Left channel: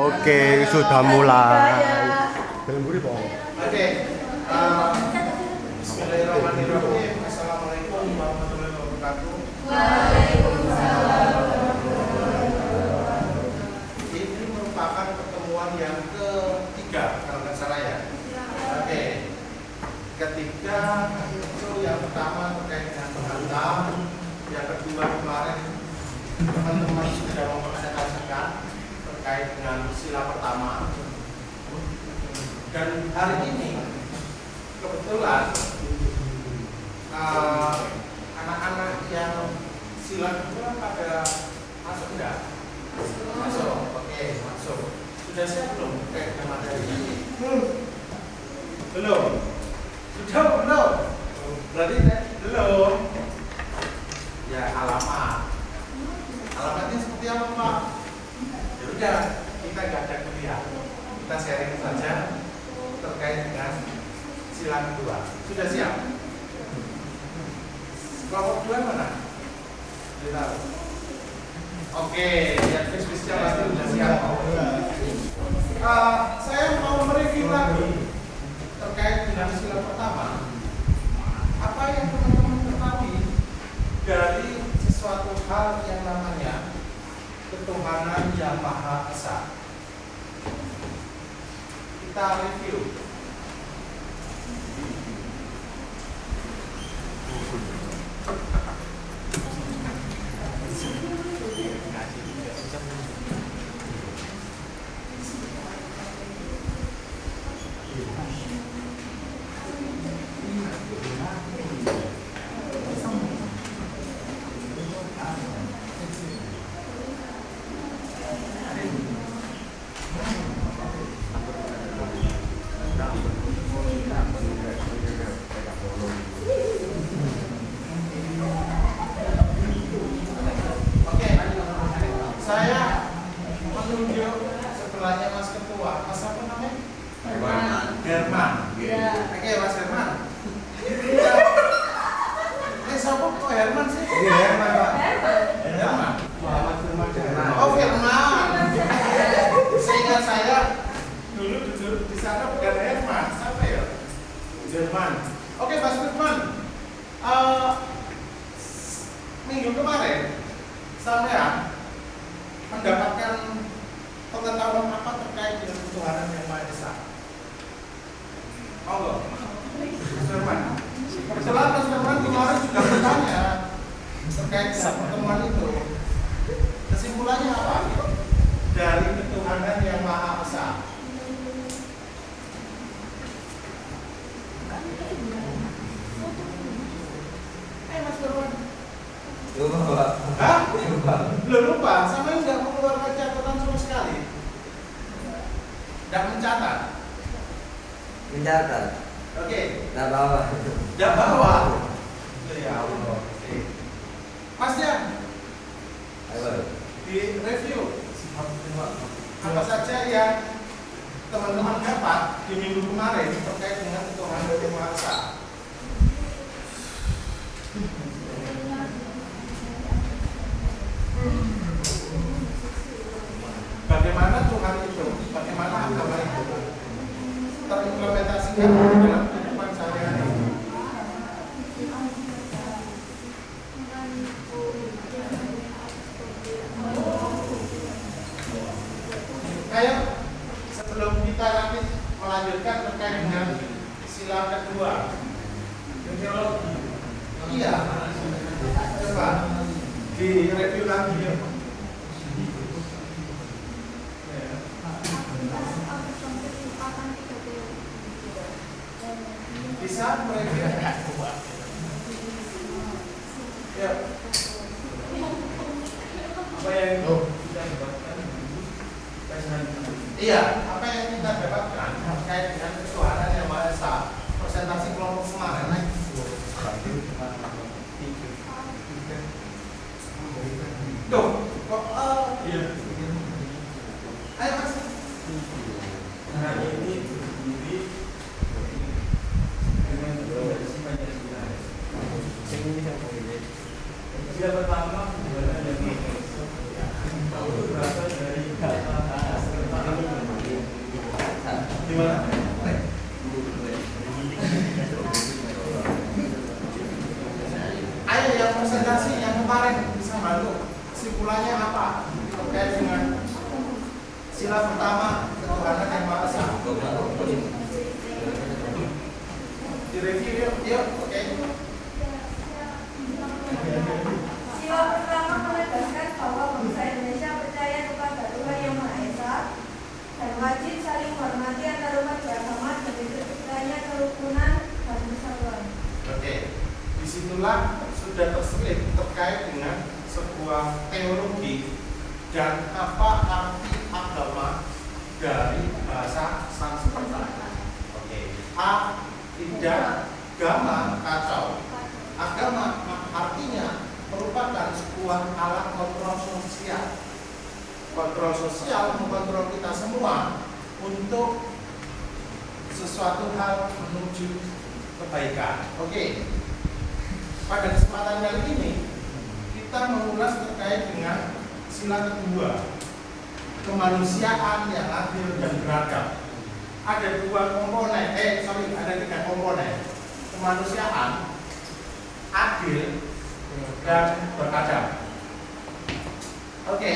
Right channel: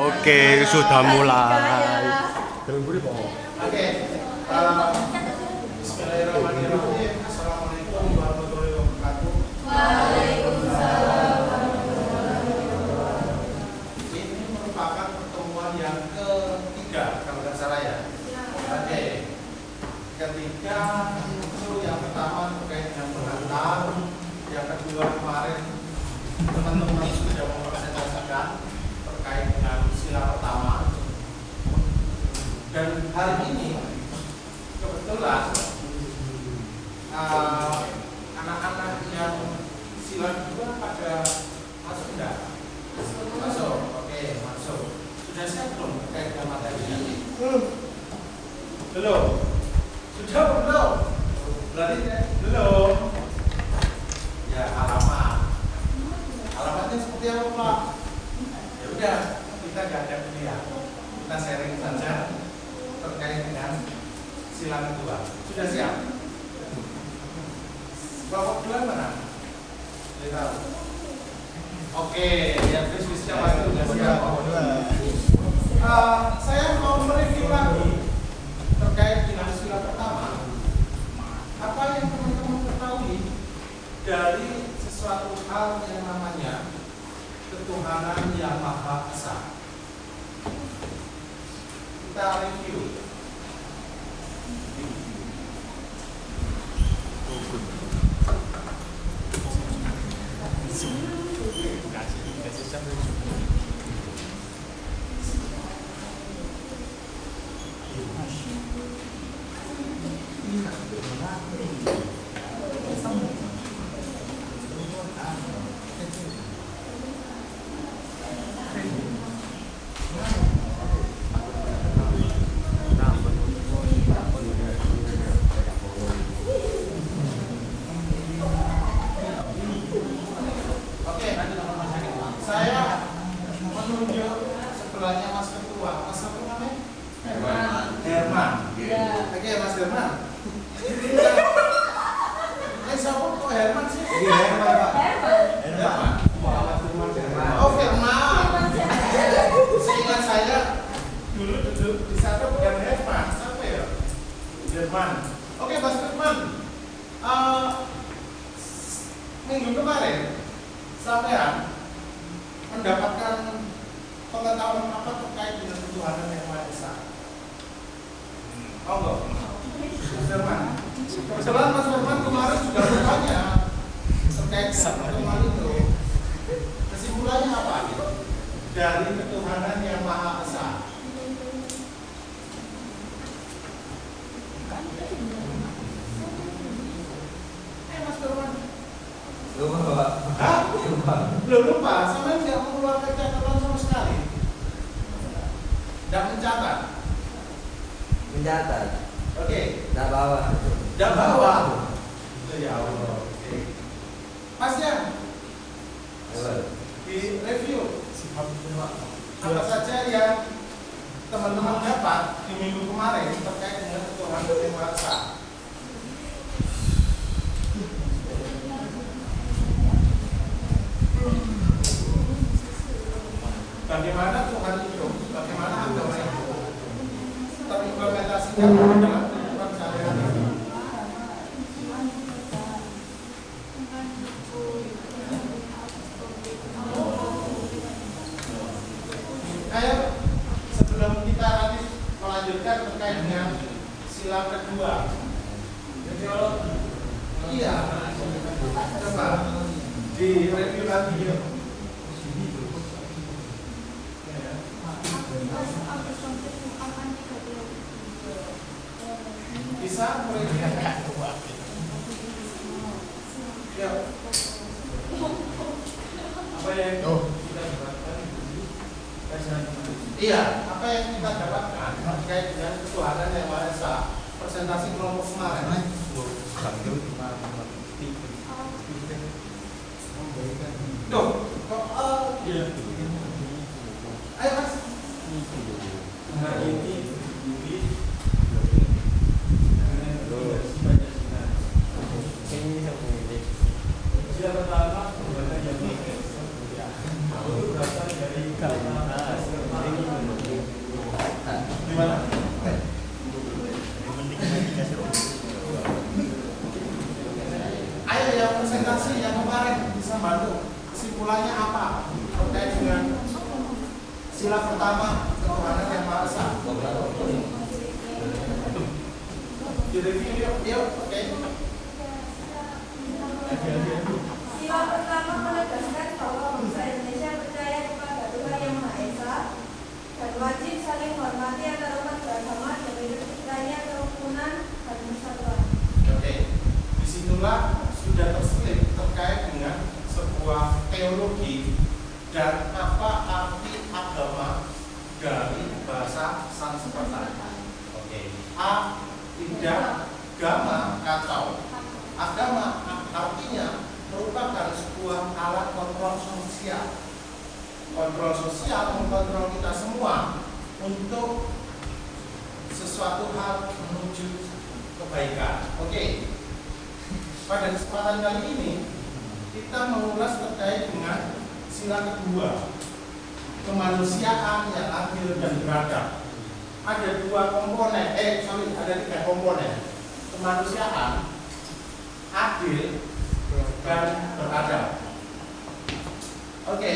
Oke, sudah mulai. Oke, bismillahirrahmanirrahim. Assalamualaikum warahmatullahi wabarakatuh. Ini merupakan pertemuan yang ketiga, kalau nggak salah ya. Oke, ketiga itu yang pertama terkait dengan penghantam, yang kedua kemarin teman-teman sudah mempresentasikan terkait dengan sila pertama. Dan hari ini kebetulan anak-anak yang sila kedua pada masuk enggak? Masuk, oke, masuk. Sudah siap belum terkait dengan materinya? Belum. Sudah belum? Berarti belum. Ya, alamatnya seperti apa, Pak? Ya udah, kita nggak ada kuliah, kita sharing saja terkait dengan sila kedua. Sudah siap? Kelompok kedua mana? Tidak tahu. Oke, ya vis-visnya pasti sudah siap. Saya mau mereview lagi terkait dengan sila pertama. Apa yang teman-teman ketahui dari sesuatu hal yang namanya ketuhanan yang Maha Esa? Kita review. Saya menunjuk sebelahnya Mas Ketua. Mas apa namanya? Herman. Oke, Mas Herman. Siapa kok Herman sih? Iya, Herman, Pak. Herman. Muhammad Firman. Oh, Firman. Seingat saya dulu duduk di sana bukan Herman. Siapa ya? Herman. Oke, Mas Firman. Minggu kemarin sampean mendapatkan pengetahuan apa terkait dengan ketuhanan yang Maha Esa? Mau nggak? Mas Firman. Kebetulan Mas Firman kemarin juga bertanya terkait dengan pertemuan itu. Kesimpulannya apa? Dari ketuhanan yang Maha Esa. Mas Firman. Lupa, Pak. Hah? Lupa. Belum lupa, sampai tidak mengeluarkan catatan sama sekali. Tidak mencatat. Mencatat. Oke. Tidak bawa. Tidak bawa. Ya Allah. Oke. Mas Jan, di review apa saja yang teman-teman dapat di minggu kemarin terkait dengan ketuhanan yang Maha Esa. Bagaimana Tuhan itu, bagaimana agama itu terimplementasikan dalam kehidupan sehari-hari. Kayak sebelum kita nanti melanjutkan terkait dengan sila kedua. Iya, coba di review lagi yuk. Bisa mereview? Ya. Apa yang kita dapatkan? Iya, apa yang kita dapatkan terkait dengan ketuhanan yang Maha Esa? Presentasi kelompok kemarin. Tuh, iya. Ayo Mas. Nah ini dengan sebagai yang pertama sebenarnya yang berasal dari kata Gimana? Ayo yang presentasi yang kemarin bisa bantu. Kesimpulannya apa terkait dengan sila pertama ketuhanan yang Maha Esa? Direview yuk, oke. Sila pertama menegaskan bahwa bangsa Indonesia percaya kepada Tuhan Yang Maha Esa dan wajib saling menghormati antarumat beragama dan lainnya kerukunan dan persatuan. Oke, disitulah sudah terselip terkait dengan sebuah teologi dan apa arti agama dari bahasa Sanskerta. Oke, A tidak agama kacau. Agama artinya merupakan sebuah alat kontrol sosial. Kontrol sosial mengkontrol kita semua untuk sesuatu hal menuju kebaikan. Oke. Pada kesempatan kali ini kita mengulas terkait dengan sila kedua, kemanusiaan yang adil dan beradab. Ada ada 3 komponen: kemanusiaan, adil, dan beradab. Oke.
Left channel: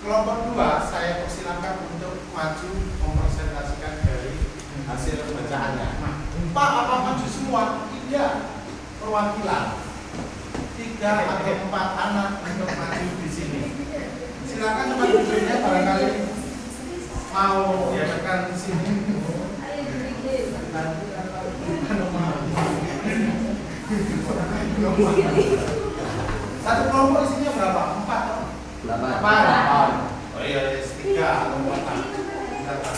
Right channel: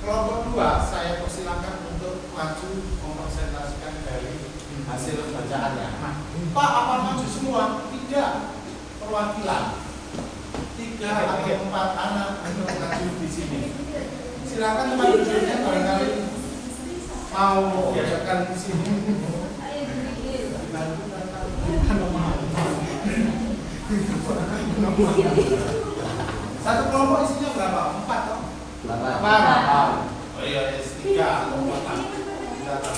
Kelompok 2 saya persilakan untuk maju mempresentasikan dari hasil bacaannya. Pak, apa maju semua? Tidak. Perwakilan 3 atau 4 anak untuk maju di sini. Silakan Pak duduknya barangkali mau diadakan di sini. Satu kelompok isinya berapa? 4 toh? 8. Oh iya, 3 atau 4. Silakan.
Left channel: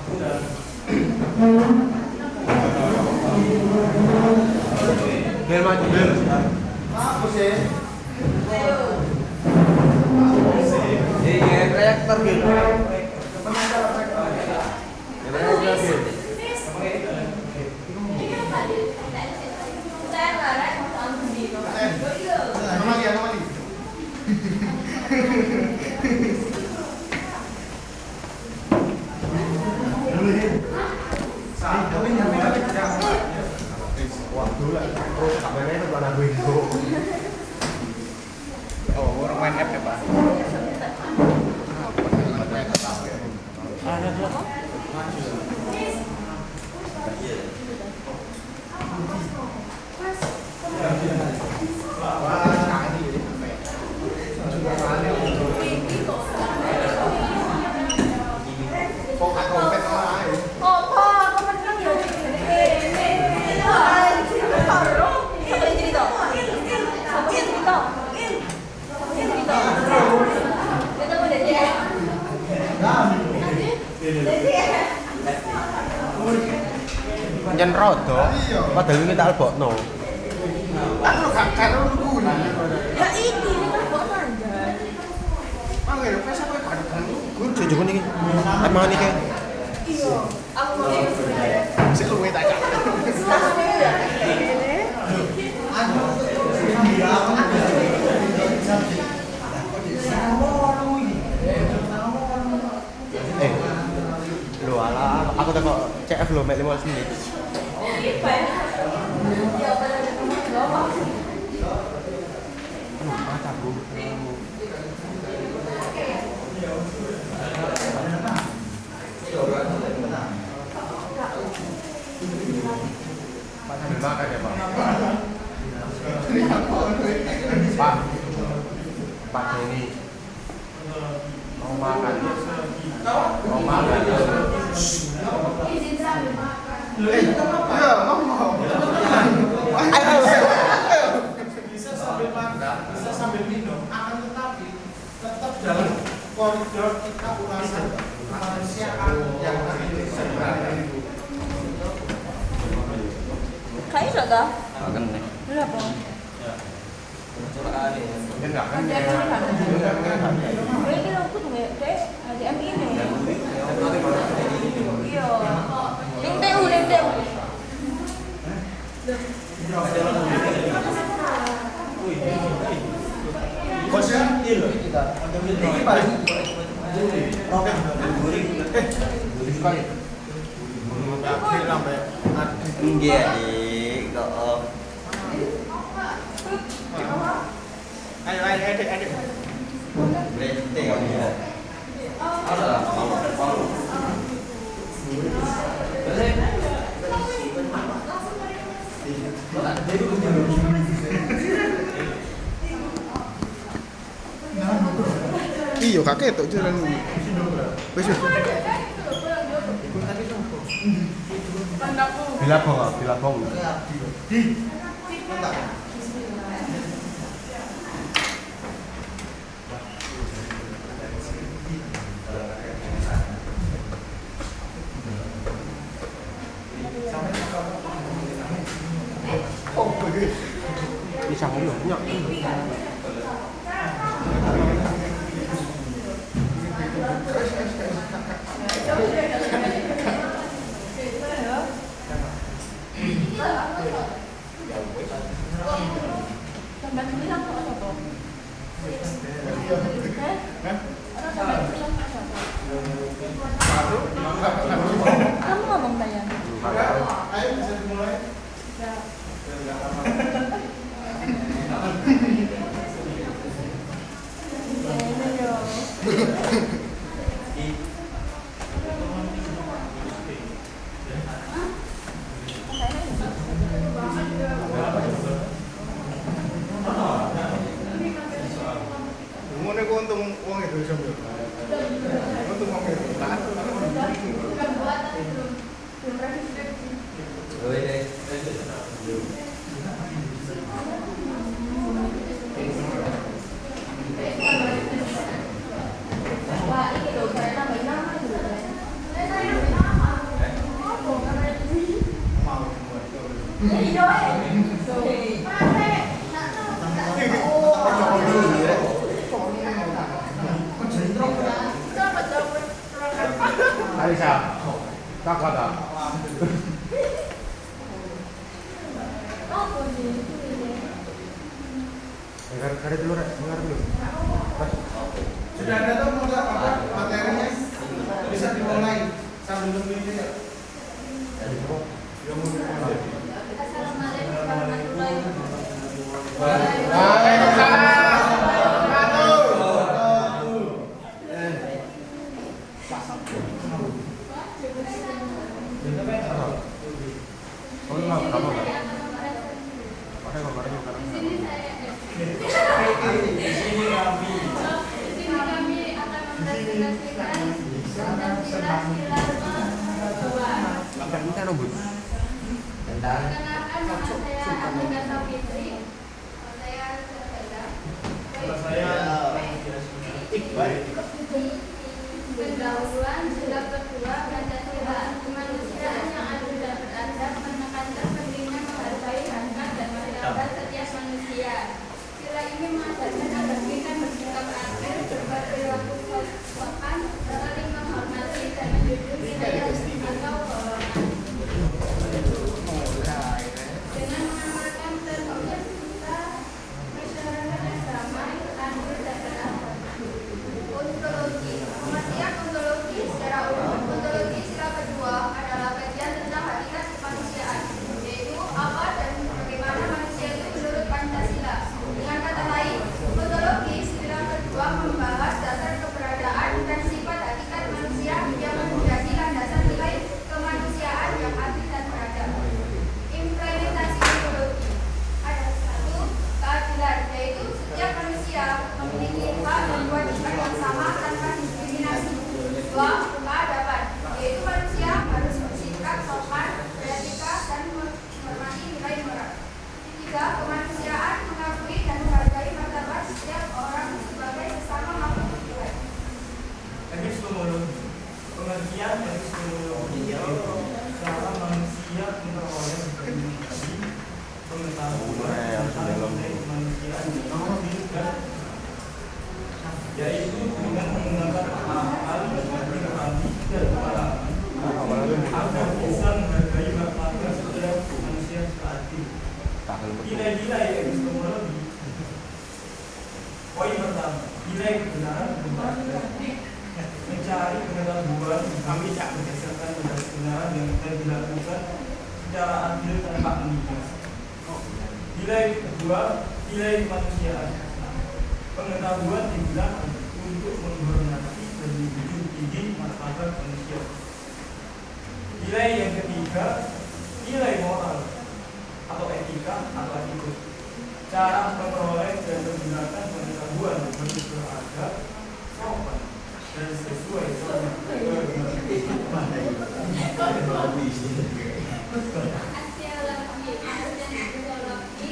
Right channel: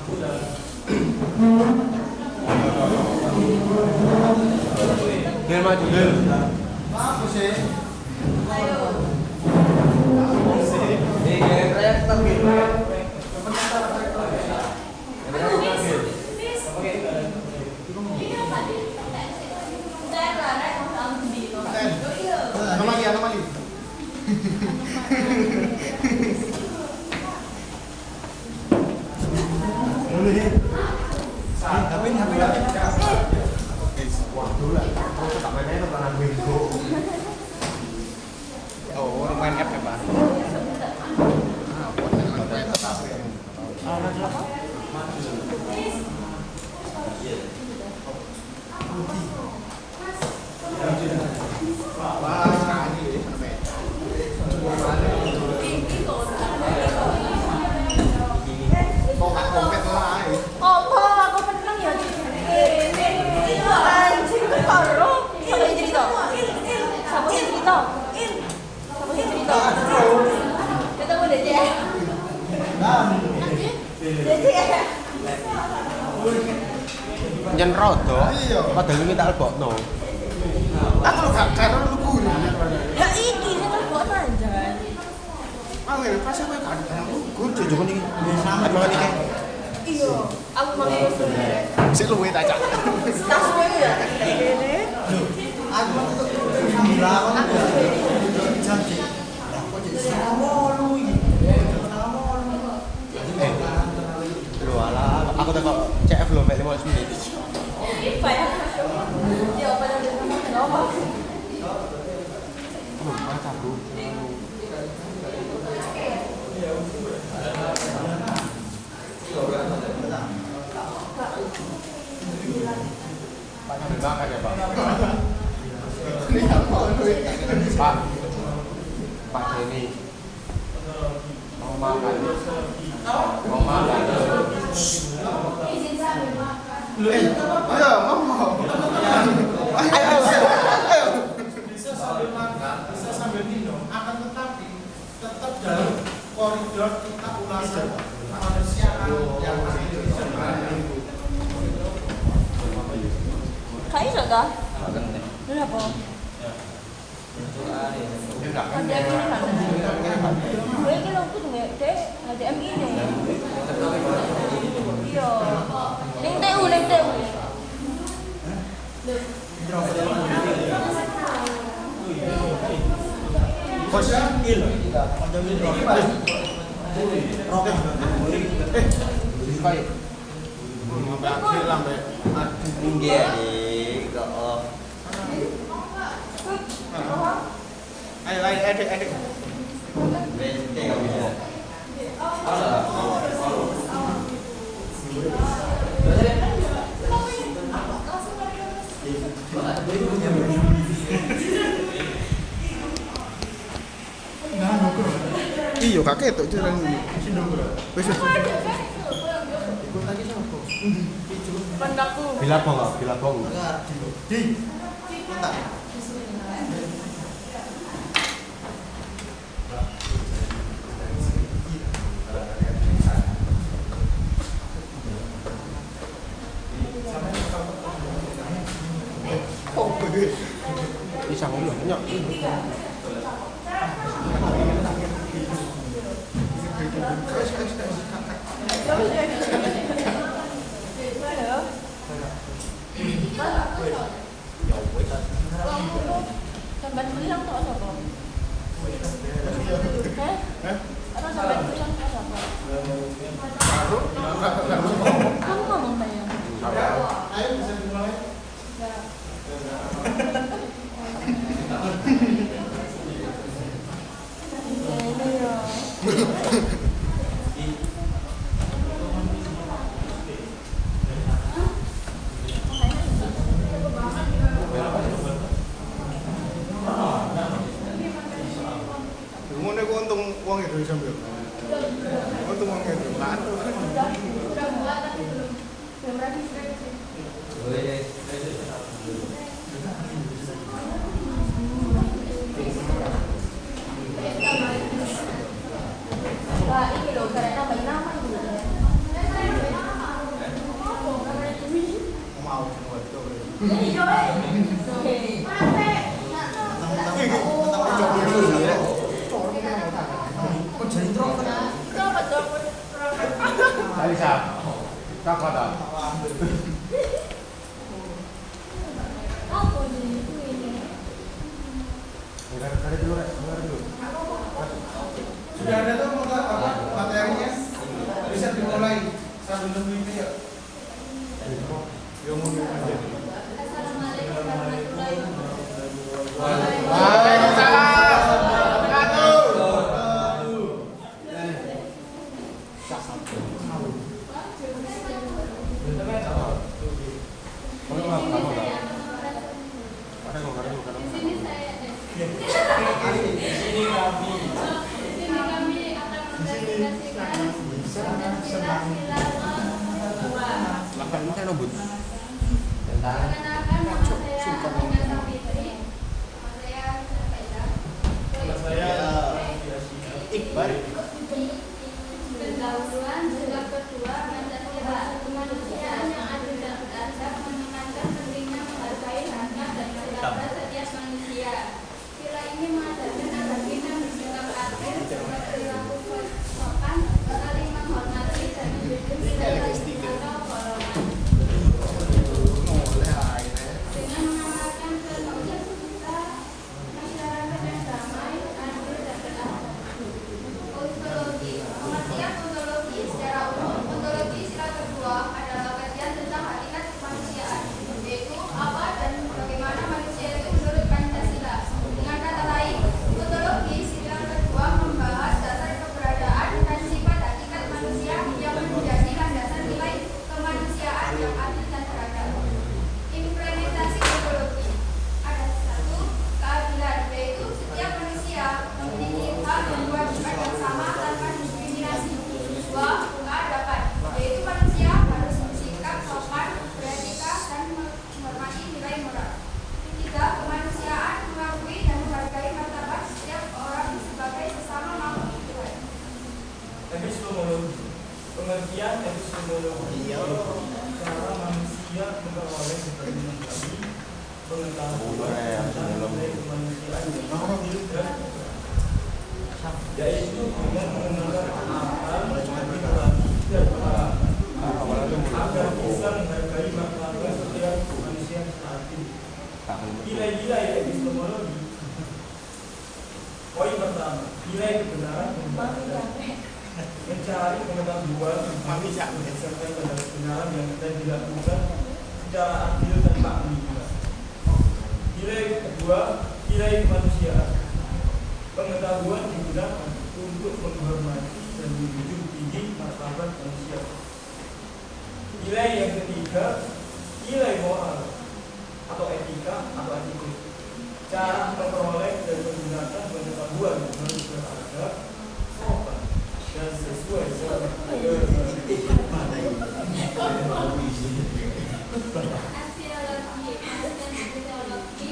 Aku udah. Biar maju biar. Apa sih? Ayo. Apa sih? kayak tergil. Oh, orang main app ya, Pak. Jan rodo, padha iki tak lebokno. Aku gak karo lugu. Ya iki nek kok manjan. Angel kasih kowe kan. Kudu jukun iki. Amangan iki. Iya, aku mau Sik luwe tak cak. tas kowe ya. Ini. Lho ala, aku tekok CF lho mek 15 menit. Apa ya? Ya pada nomor. Baca, Bro. Pak sambil makan ya, Pak. Pak. Pak ini mau makan. Mau makan. Ayo, ngomong. Bisa sambil makan, bisa sambil minum, akan tetapi tetap dalam koridor kita ulasan kemanusiaan yang adil dan beradab. Kayak sudah dah. Berapa? Ada ini aku tuh dek, ada ini. Iya. Neng TU. Bos, Roket. Kayak. Akhir lambe. Adik. Nggih, Adik. Kok. Ayo adik. Bete. Iya kakek tuh jalan ini. Wes. Bilabong. Di. Entar. Bisa ngobrol enggak? Kamu ngomong Bayan? Ayo bisa dimulai. Ngene ku untung wong Indonesia yo. Untung wong Indonesia. Wah, ini loh, karena nambahin nama dulu. Mau dibuat tuh. Ini Joy. Kali siap. Takut ah. Oh, begitu ini. Dengar dulu, dengar dulu. Sudah ada tuh apa materinya? Bisa dimulai sambil tunggu itu ya. Assalamualaikum warahmatullahi Oh, enggak, kamu enggak. Ada kok ada juga. Di sini kami akan mempresentasikan Pancasila Sila Ini kan obut. Perkenalkan, nama saya Agneta Fitri. Nama saya Iqbal. Pendahuluan bab kedua Pancasila, kemanusiaan yang adil dan beradab, menekankan pentingnya menghargai hak dan martabat setiap manusia. Sila ini mengajarkan agar kita bersikap adil, berperilaku sopan, saling menghormati dan menjunjung tinggi atau golongan. Dengan mengamalkan prinsip kita masyarakat yang damai, adil dan beradab. Ontologi. Pengertian ontologi secara umum. Ontologi sila kedua adalah kajian tentang hakikat kemanusiaan, yaitu apa dan bagaimana manusia itu menurut Pancasila. Dengan kata lain, ontologi sila kedua membahas dasar keberadaan dan sifat hakikat manusia yang menjadi landasan nilai kemanusiaan yang adil dan beradab. Implementasi ontologi. Ada satu, keadilan, yaitu setiap manusia memiliki hak dan kewajiban yang sama tanpa diskriminasi. Dua, keadaban, yaitu manusia harus bersikap sopan, beretika, dan menghormati nilai moral. Tiga, kemanusiaan, mengakui dan menghargai martabat setiap orang sebagai sesama makhluk Tuhan. Epistemologi. Pengertian epistemologi yaitu cara manusia memperoleh berkomunikasi, pengetahuan tentang nilai kemanusiaan yang hidup dan yaitu dengan menggunakan hal lebih tetapi dan pengalaman agar bisa menghargai martabat setiap manusia seadil. Nilai-nilai epistemologi. Poin pertama, nilai kebenaran dan keadilan. mencari pengetahuan berdasarkan pada kebenaran yang telah dilakukan secara adil tanpa menghina. Nilai kedua, nilai kemanusiaan. Pengetahuan digunakan untuk menghormati dan menjunjung tinggi martabat manusia. Nilai yang ketiga, nilai moral atau etika atau attitude. Cara memperoleh dan menggunakan pengetahuan harus beradab, sopan, dan sesuai dengan Aksiologi, dan ideologi.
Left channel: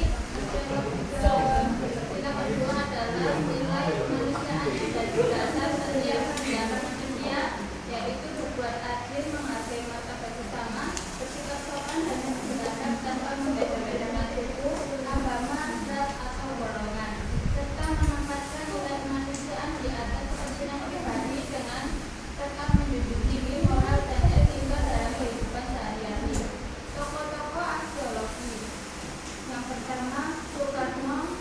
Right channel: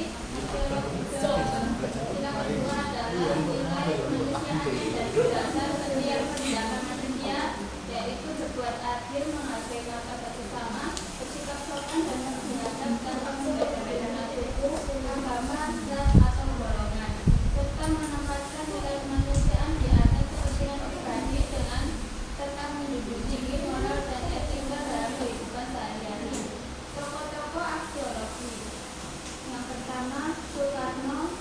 Yang kedua adalah nilai kemanusiaan dan dasar setiap tindakan manusia, yaitu berbuat adil, menghargai martabat sesama, bersikap sopan dan beradab tanpa membeda-bedakan suku, agama, ras atau golongan, serta menempatkan nilai kemanusiaan di atas kepentingan pribadi dengan tetap menjunjung tinggi moral dan etika dalam kehidupan sehari-hari. Tokoh-tokoh aksiologi. Yang pertama, Soekarno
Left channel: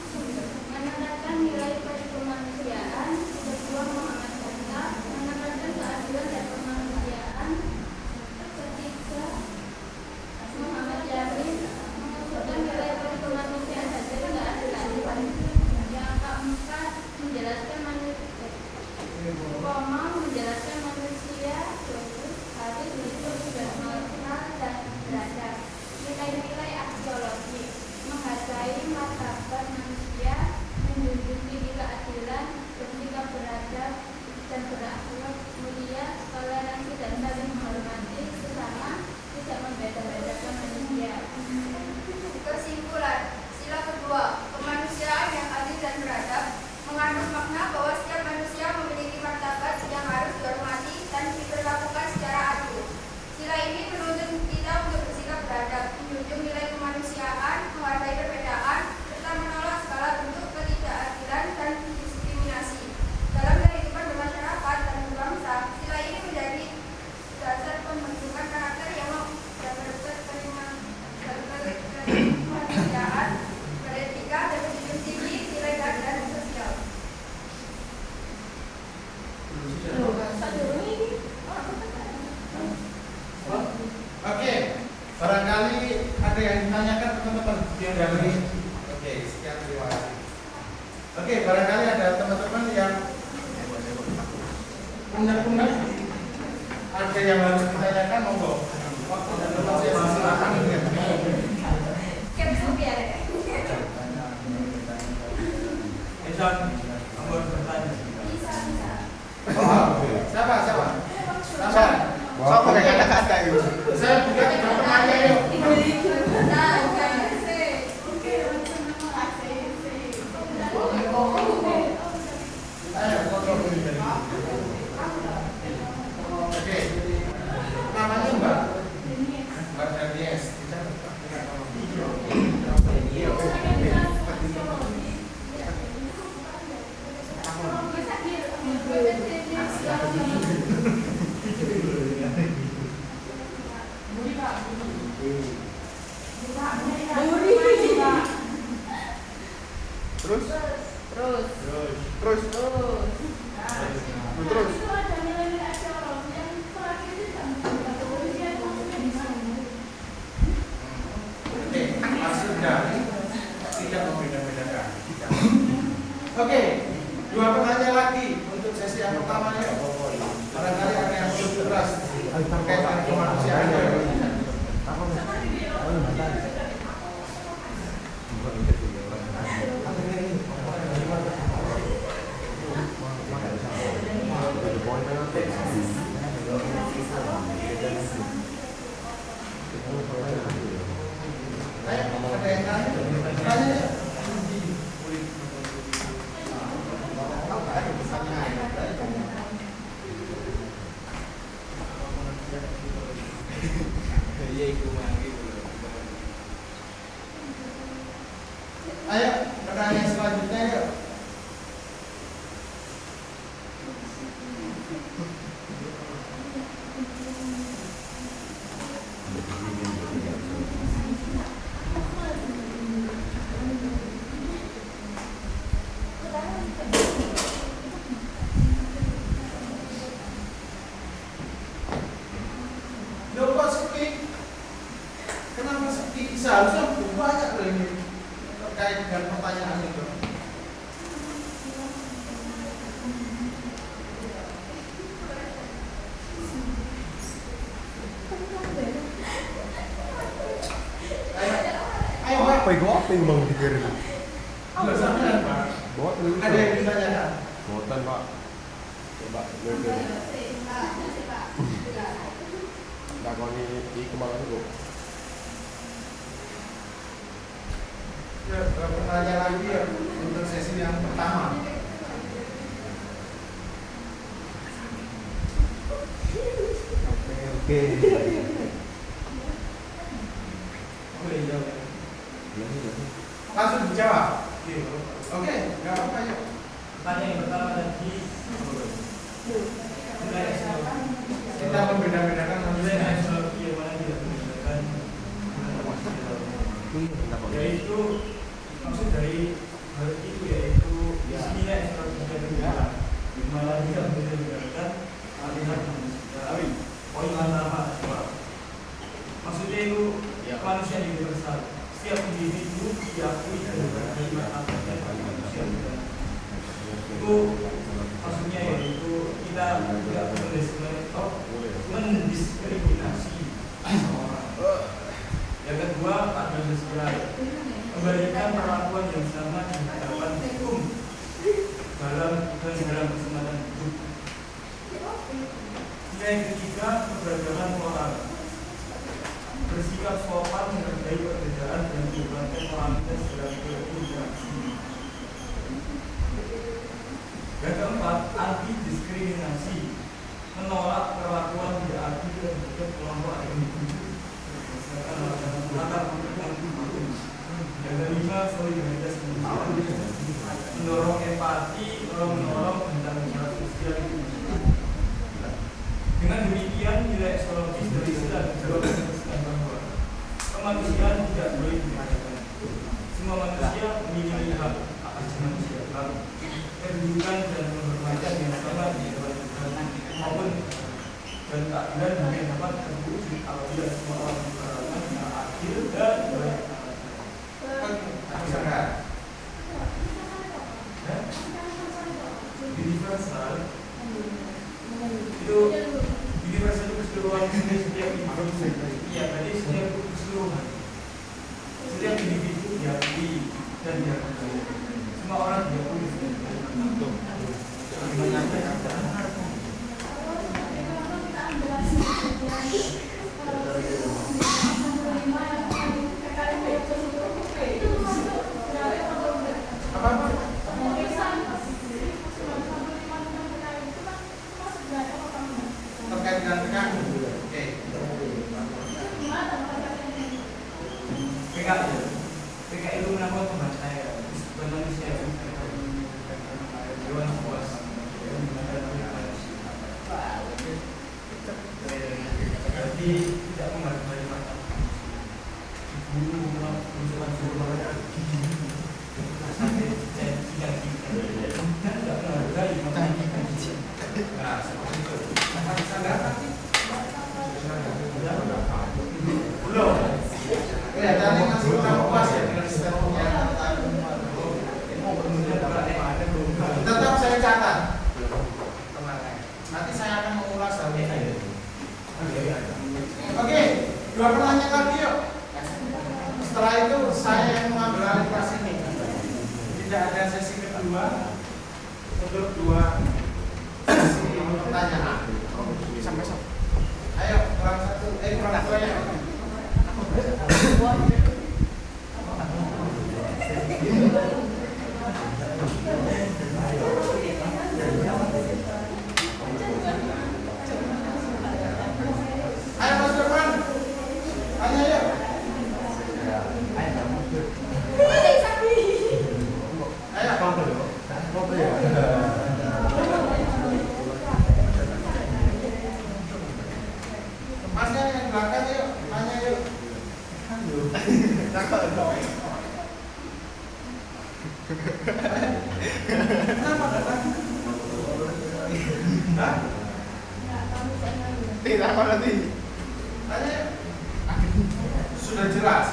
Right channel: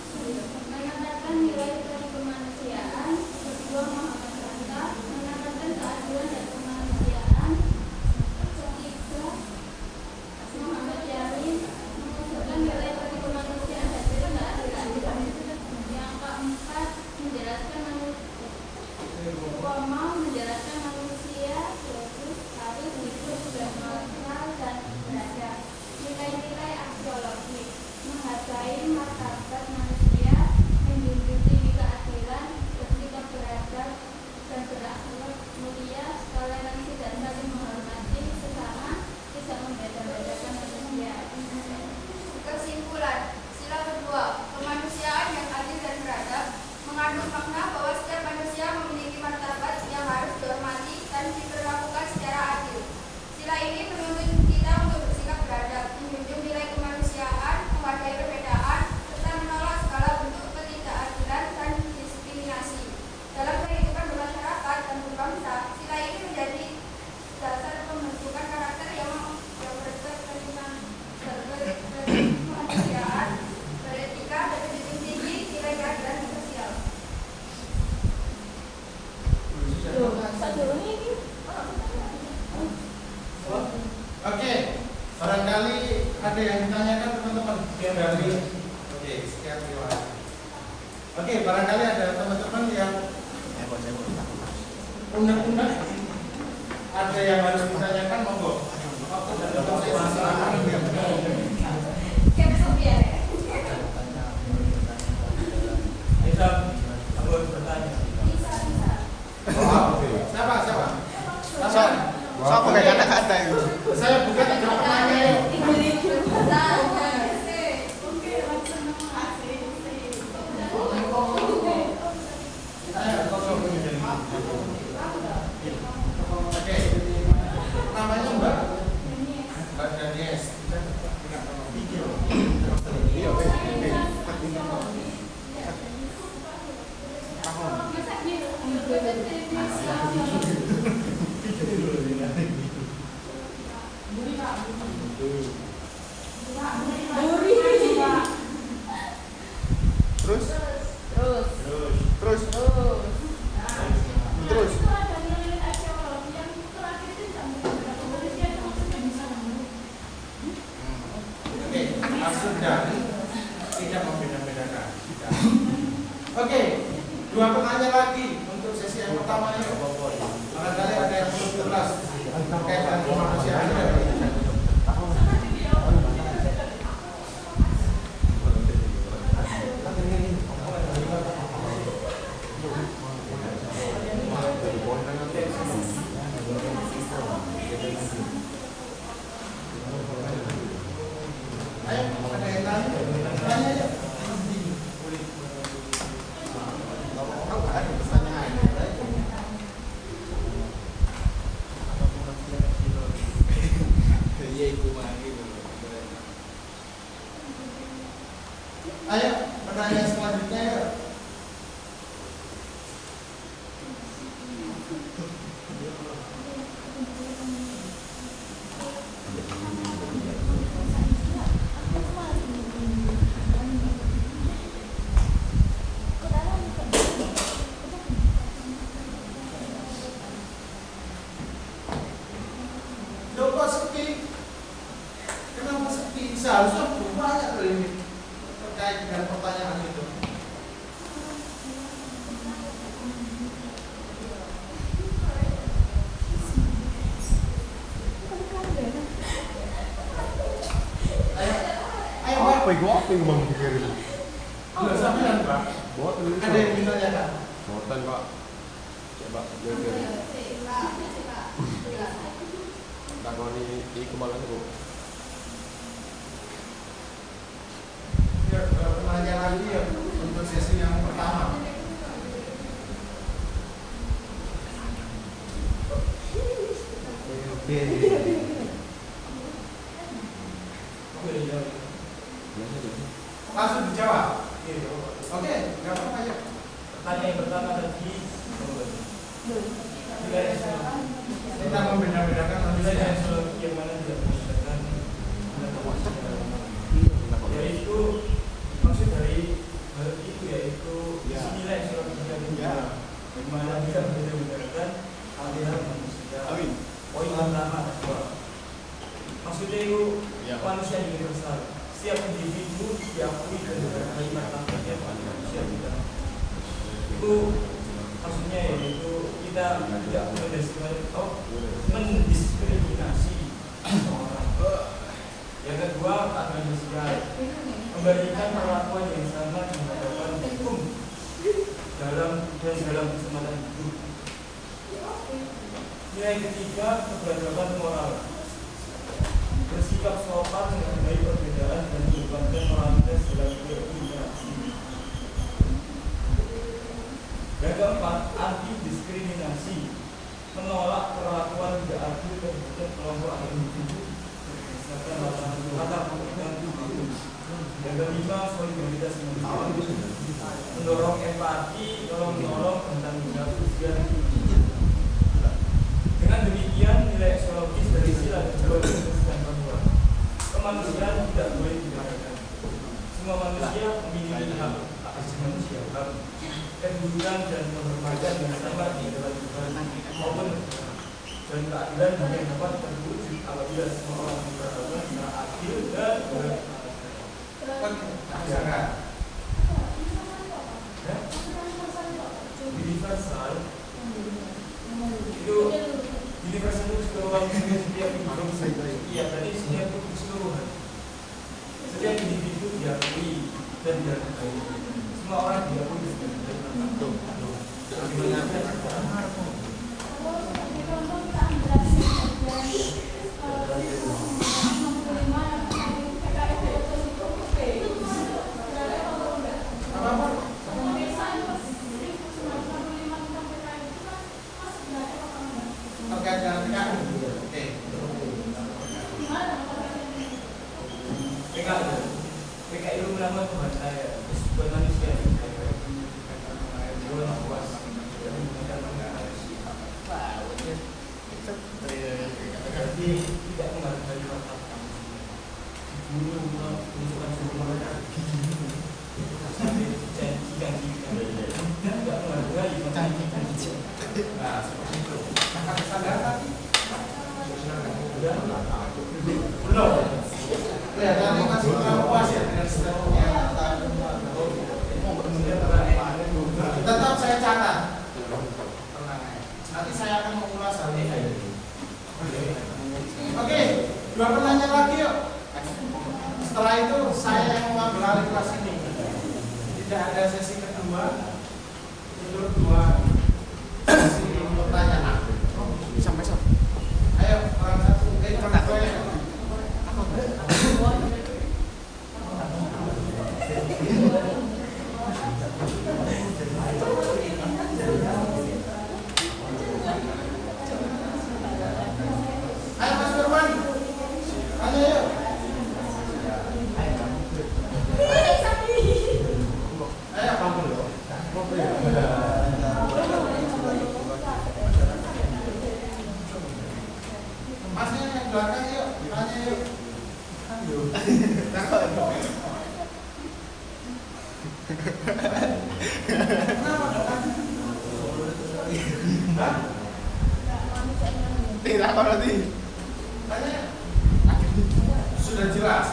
menekankan nilai kemanusiaan. Kedua, Muhammad Hatta menekankan keadilan dan kemanusiaan. Ketiga, Muhammad Yamin menunjukkan nilai kemanusiaan dan keadilan. Yang keempat, menjelaskan manusia harus hidup bermoral dan beradab. Nilai-nilai aksiologi, menghargai martabat manusia, menjunjung tinggi keadilan, bersikap beradab dan berakhlak mulia, toleransi dan saling menghormati sesama, tidak membeda-bedakan manusia. Kesimpulan, sila kedua, kemanusiaan yang adil dan beradab mengandung makna bahwa setiap manusia memiliki martabat yang harus dihormati dan diperlakukan secara adil. Sila ini menuntut kita untuk bersikap beradab, menjunjung nilai kemanusiaan, menghargai perbedaan, serta menolak segala bentuk ketidakadilan dan diskriminasi. Dalam kehidupan bermasyarakat dan berbangsa, sila ini menjadi dasar pembentukan karakter yang berkemanusiaan, beretika, dan menjunjung tinggi nilai keadilan sosial. Oke, barangkali ada yang ditanyakan teman-teman yang dari. Oke, sekian terima kasih. Oke, barangkali ada teman-teman yang unek-unek, ada yang harus ditanyakan, monggo. Waktu dan lokasi silakan. Bisa, kamu harus bertanya. Siapa? Wah, pakai kata-kata itu. Saya buka 3 pertanyaan. Oke. Namanya Mbak Danies. Terus. Oke, maksud dari tidak membeda-bedakan. Oke, 2 pertanyaan lagi untuk sesi yang pertamanya. Barangkali ada yang belum jelas terkait dengan kemanusiaan. Ayo, pertanyaan selanjutnya yuk. seharusnya banyak loh ini terkait dengan pertanyaan itu. Ayo, Apa itu bang pikirin? nggak sama ya Pak? Buat dulu. Ada yang ditanyakan? Buatan pak. Coba dulu. Tak kau ni kemana tu? Ya, pertanyaan lagi ya untuk sesi yang pertama. Oke. Langsung dijawab. Oke, nggak apa-apa ya. Pertanyaan yang pertama tadi nilai eksternal. Kita membeda-bedakan Nilai manusia. eksternal yang mana tidak berdasarkan yaitu maksud dari hal itu yaitu nilai eksternal kita yang mana tidak berdasarkan aliran manusia. Poin pertama adalah maksudnya itu manusia universal. Setiap individu diakui dan berbagai martabat yang manusia. Itu maksudnya yaitu kita tidak mendiskriminasi orang. Yang kedua, keadilan sosial, memberikan perlakuan yang sama di hadapan hukum dalam kesempatan hidup. Yang ketiga, keberagaman moral, bersikap sopan menghargai perbedaan dan melibatkan moralitas dalam berinteraksi. Yang keempat, anti diskriminasi, menolak perlakuan tidak adil terhadap kelompok individu berdasarkan latar belakang apapun. Yang kelima, solidaritas manusia, mendorong empati, menolong tentang jawab sosial. Dengan demikian, nilai eksologis dari sila dan jawab memutuskan bahwa kemanusiaan tidak boleh dibedakan. Semua manusia memiliki hak asasi manusia, hak kedudukan dan penghormatan yang sama di dalam Tuhan maupun dan keadilan yang dapat terwujud apabila semua orang beragama secara adil dan universal. Itu universal itu keseluruhan setiap individu. Ya, tadi setiap keseluruhan setiap individu diakui dan dihargai. Semua orang diakui dan PKI itu melakukan pemberdayaan manusia dewan puas jadi tidak menghargai rakyat dibunuh usulan suruh sampai tidak menghargai nah seperti itu belum Kelihatannya masih kurang puas ya dengan statementnya. Tetap saya catat. Nanti saya akan mengulas hal ini. Oke, dua pertanyaan lagi yuk. Setelah itu saya yang mengambil alih kelas ini. Tidak ada sesi kedua untuk dua sesi pertanyaan. Ayo, kurang satu, kurang dua ya. Ayo Mas Firman, tanya yuk. Masnya yang belakang yuk, tanya yuk. Tidak nanti. Tanya. Sudah jelas.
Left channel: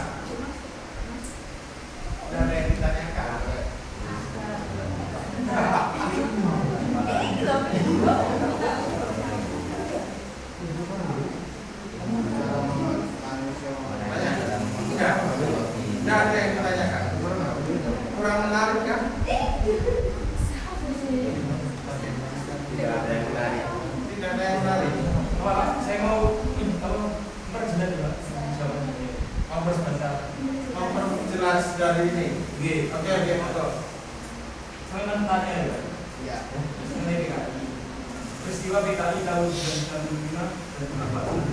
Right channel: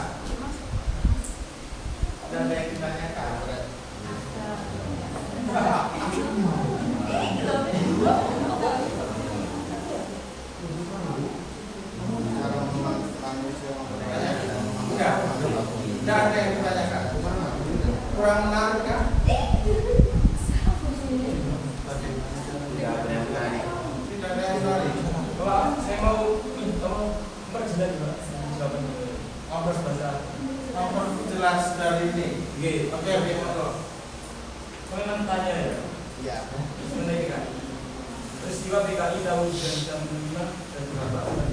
Peristiwa PKI tahun 1965 dan perbuatan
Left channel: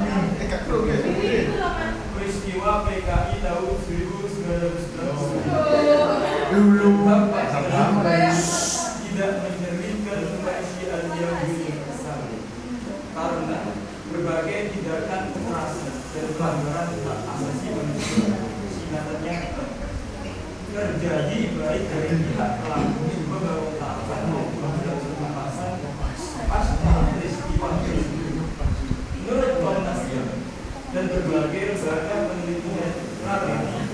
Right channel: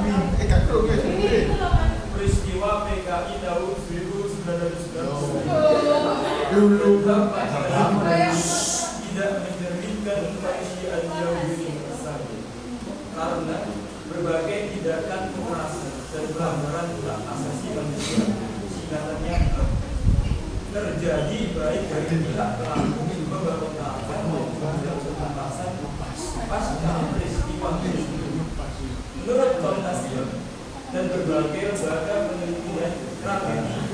yang tidak peristiwa PKI tahun 1990 tidak menjadikan kemanusiaan yang universal karena berbagai tindakan kekerasan dan pelanggaran hak asasi manusia singkatannya terjadi baik dari pihak pelaku pemberontakan maupun pengawasan pasca peristiwa tersebut. Menurut Komnas HAM dan berbagai lembaga penelitian strategi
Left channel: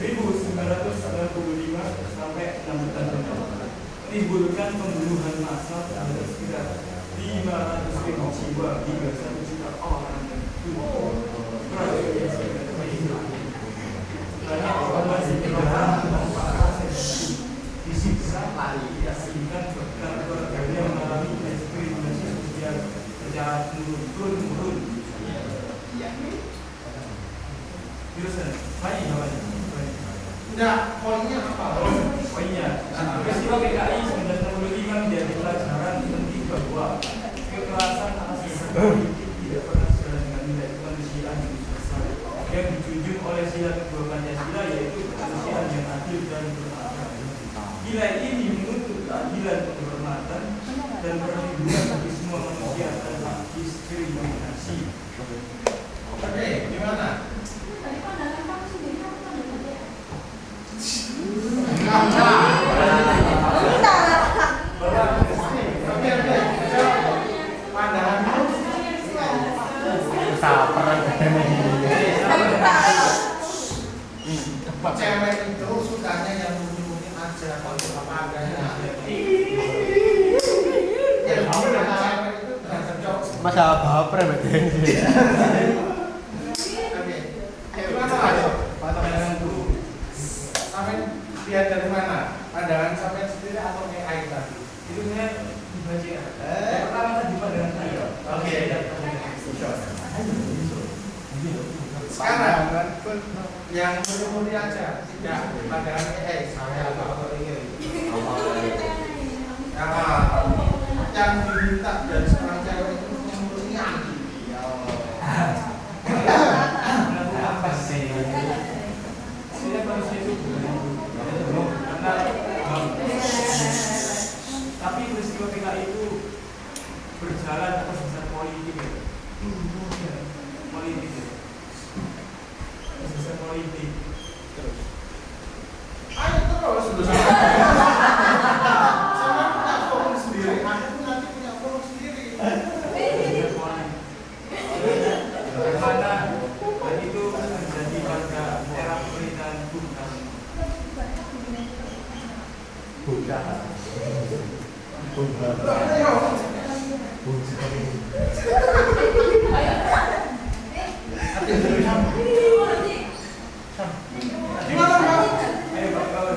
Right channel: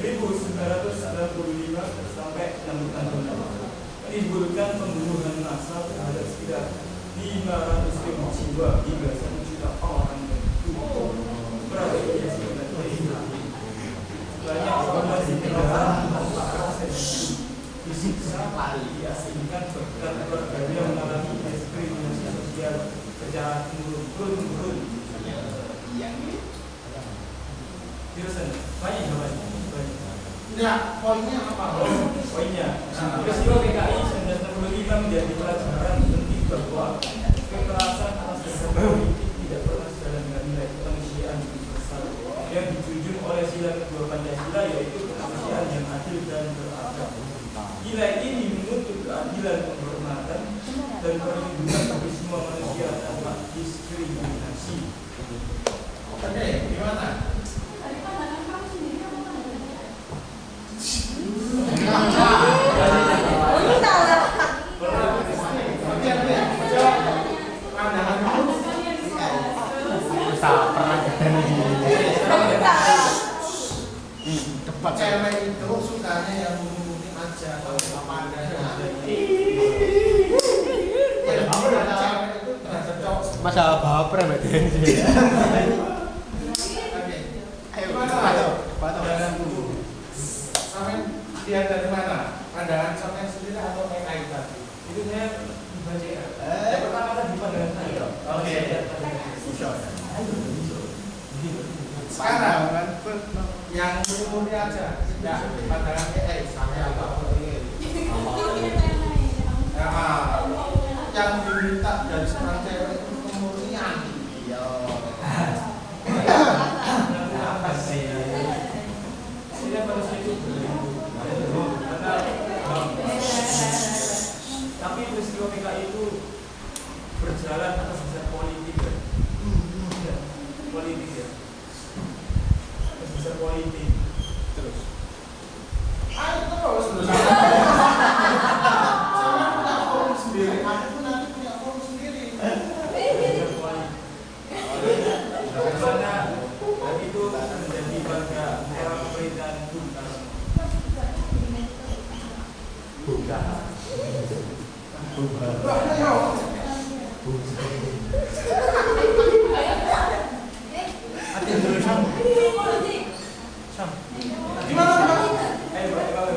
1995 sampai 1966 menimbulkan pembunuhan massal terhadap sekitar 500.000 jiwa hingga 1 juta orang yang tubuh tragedi banyak korban negara disiksa, diasingkan, bahkan keluarganya mengalami diskriminasi sosial secara turun-temurun. Terusan, banyak. Tidak, poinnya apa? Poinnya, peristiwa PKI 1965 menjadi pelajaran penting bahwa kekerasan atas politik tidak pernah sejalan dengan nilai kemanusiaan universal yang dijunjung oleh sila kedua Pancasila, yaitu kemanusiaan yang adil dan beradab. Nilai ini menuntut keadilan, penghormatan, dan perlindungan bagi semua manusia tanpa diskriminasi. Oke, gimana? Cewek itu sukanya yang murni-murni aja, kalau nggak pandai. Cewek itu terhadap cowok. Masalah baper ya, Oke, gimana Mas? Pandanganku, sampai lihat dari mana? Pandangan sampai sendiri atau AI tadi? Itu punya dibaca. Yang pertama tadi pandangan saya. Oke. Sekarang yang murni aja, tidak pandangan AI saya atau yang diminta dari seorang cewek itu kemurnian. Apa sih? Saya harus itu tapi peristiwa PKI itu berjalan atas dasar politik ya. Politik ya. Atas dasar politik. Terus. Ayo terus punya forum sendiri, aku nanti punya forum sendiri. Bagaimana dan itu terjadi pada era pemerintahan Bung Karno. Gimana Pak? Ayo Pak, kalau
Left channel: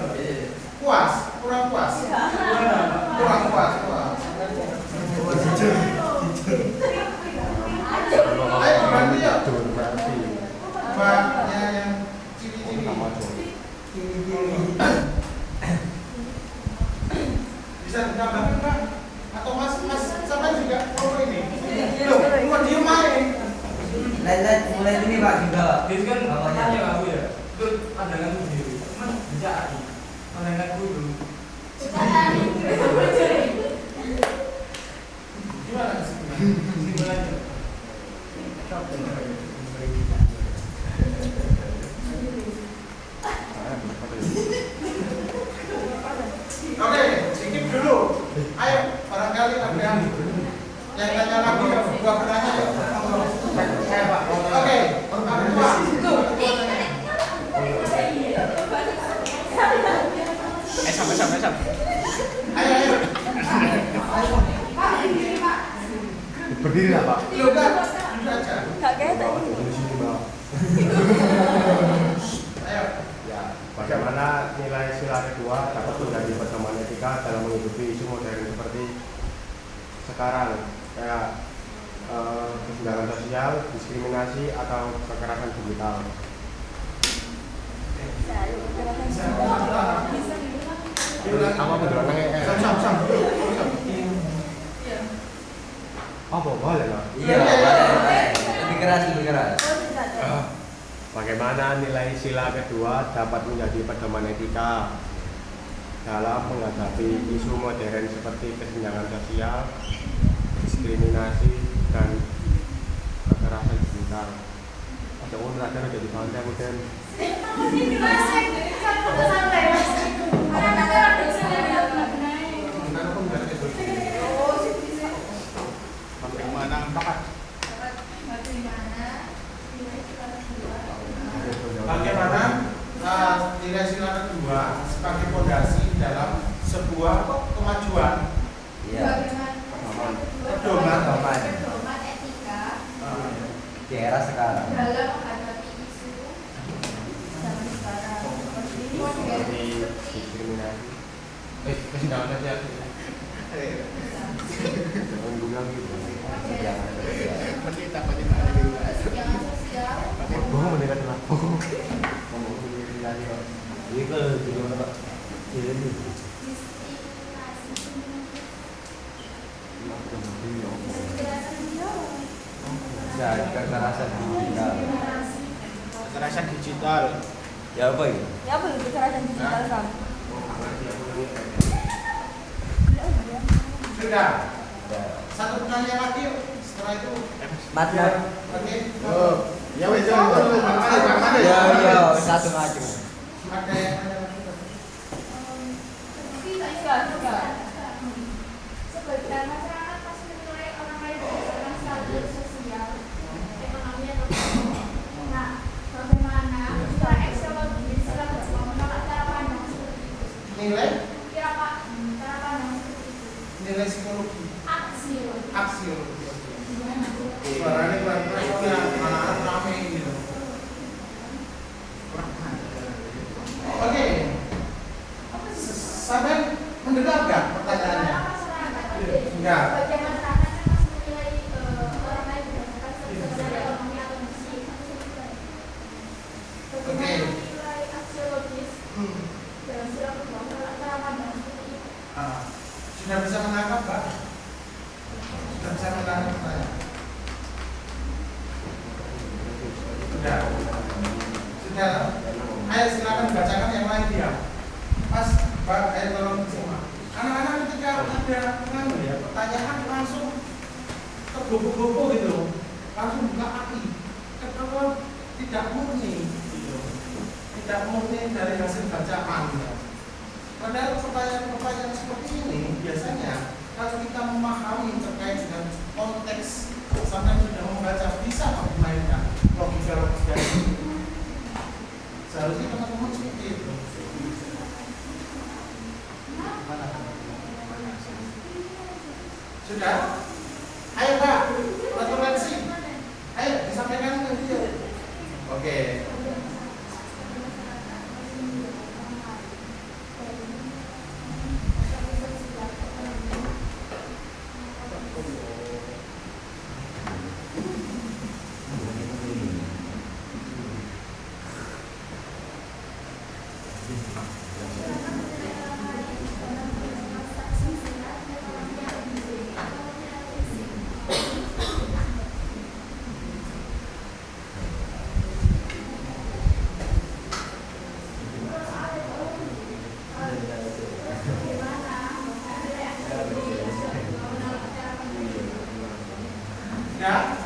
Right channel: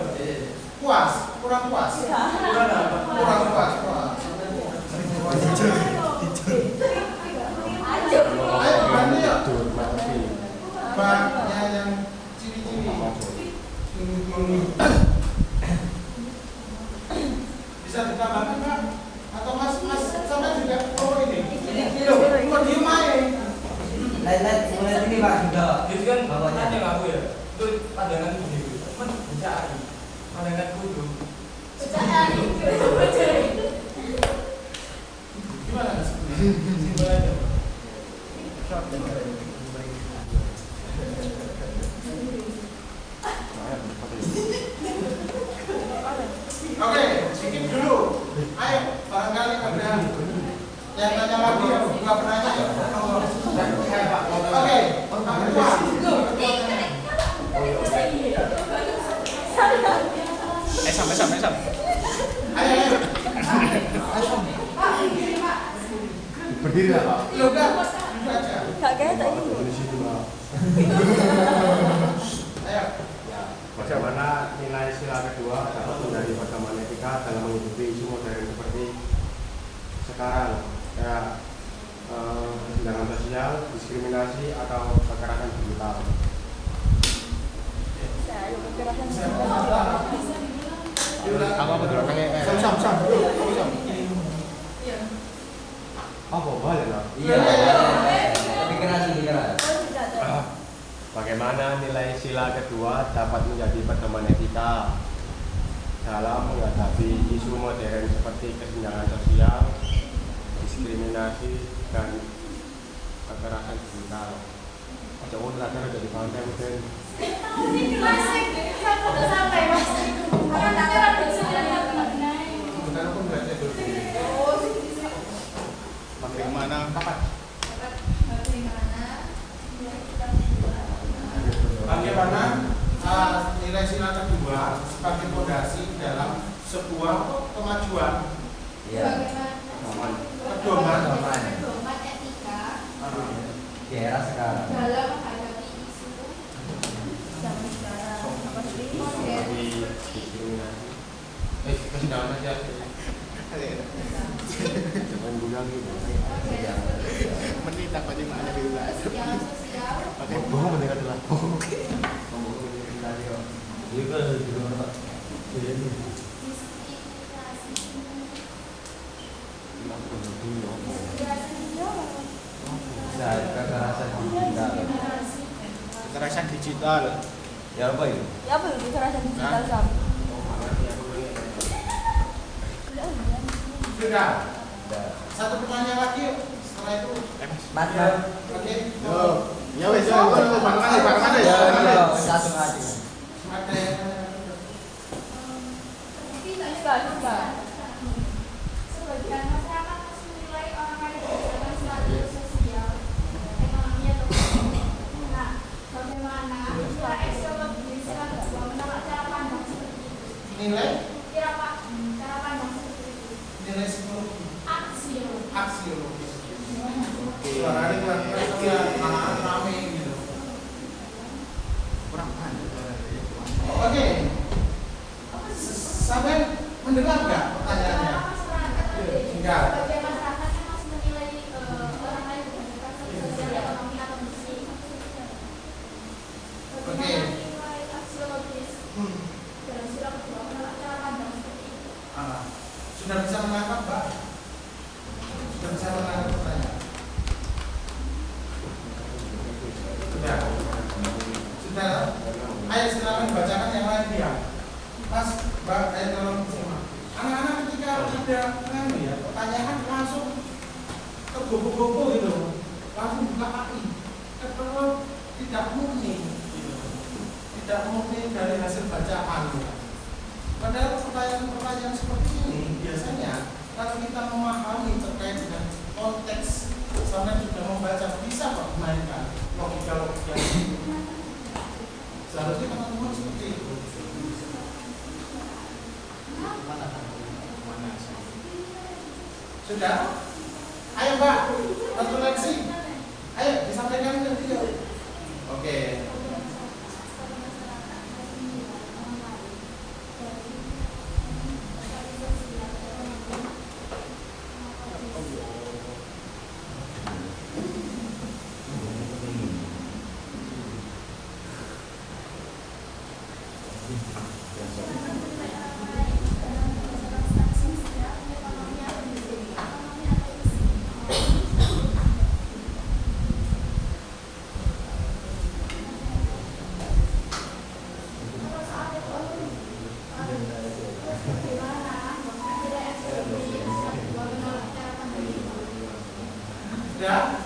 Puas? Kurang puas? kurang apa? Kurang puas. Ayo bantu ya. Mbaknya yang ciri-ciri. Bisa ditambahkan Pak? Atau Mas sama juga ini? Loh, kok diem aja? Lihat mulai ini Pak juga. Itu kan tanya aku ya. Itu pandangan sendiri. Mana bisa pandanganku dulu. Gimana? Simpel aja. Oke, skip dulu. Ayo, barangkali ada yang tanya lagi yang gua penanya ya. Saya Pak. Oke, Pak Ketua. Sam. Ayo. Berdiri lah Pak. Ya udah, duduk aja. Di sini Mbak. Ayo. Ya, bagaimana nilai sila kedua dapat menjadi persamaan etika dalam menghidupi isu modern seperti sekarang, kayak kesenjangan sosial, diskriminasi atau kekerasan digital. Oke, Apa betul? Sam. Iya. Apa boleh lah? Iya, lebih keras, lebih keras. Oh, tidak ada. Bagaimana nilai sila kedua dapat menjadi pedoman etika dalam menghadapi isu modern seperti kesenjangan sosial, diskriminasi, dan kekerasan digital? Ada orang belajar dari pandang dan Bagaimana pakat? Bagaimana nilai sila kedua sebagai fondasi dalam sebuah kemajuan? Iya. Pedoman. Pedoman etika Di era sekarang. dalam menghadapi isu Zaman sekarang. seperti diskriminasi. Kesenjangan sosial. Jangan dulu lagi. kesenjangan sosial, Gue mendengar aku. Kamu mendengar lagi kok. Jadi kalau juga apa? Jadi diskriminasi, aku nanti apa? Bisa kekerasan digital. Kekerasan digital. Ya apa itu? Ya apa itu kekerasan digital Sam? Ngerti aku lagi. Sudah. Satu pertanyaan lagi yuk. Setelah itu. Mata. Oke. Ya wes, bang Iya, satu lagi. Ada yang Bisa. sebagian masyarakat masih menilai orang lain berdasarkan status sosial, ekonomi atau politik. Nah, bagaimana cara eksologis sila kedua menolak cara pandang seperti itu? nilai Cara pandang seperti itu. nilai psikologi, Aksiologi. aksiologi. Suaranya keluar anak-anak rame gitu. Oke. Sampai mendengar nggak pertanyaannya? Enggak. Sebagian masyarakat kan masih menilai orang lain berdasarkan status sosial, ekonomi atau fisik. Bagaimana nilai aksiologis dalam sila kedua menolak cara pandang seperti itu? Sudah bisa menangkap, Pak? Sudah bisa menangkap pertanyaan? Sudah. Ayo silakan bacakan yang lain dia. Pas, Mbak, tolong simak. Anak-anak ketika ada pertanyaan langsung ke gopo-gopo gitu, langsung buka hati. Kalau tidak murni, gitu. Tidak murni dari hasil bacaan. Ya. Padahal pertanyaan-pertanyaan seperti ini biasanya kalau kita memahami terkait dengan konteks sampai sudah membaca bisa kok dimainkan logika-logika ini. Seharusnya teman-teman seperti itu. Sudah? Ayo Pak, referensi. Ayo disampaikan nanti yuk. Oke. Sudah?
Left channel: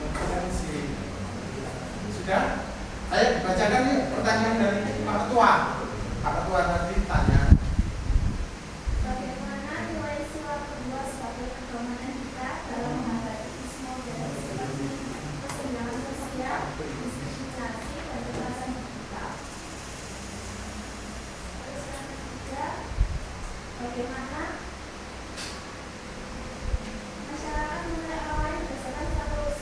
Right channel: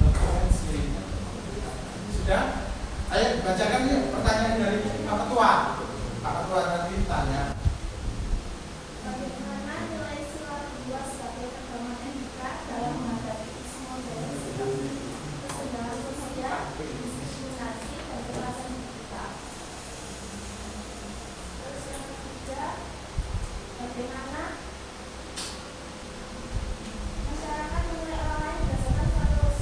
Referensi. Sudah? Ayo bacakan yuk pertanyaan dari Pak Ketua. Pak Ketua tadi tanya. Bagaimana nilai sila kedua sebagai pedoman etika dalam menghadapi isu modern seperti kesenjangan sosial, diskriminasi, dan kekerasan digital? Terus yang ketiga, bagaimana masyarakat menilai orang lain berdasarkan status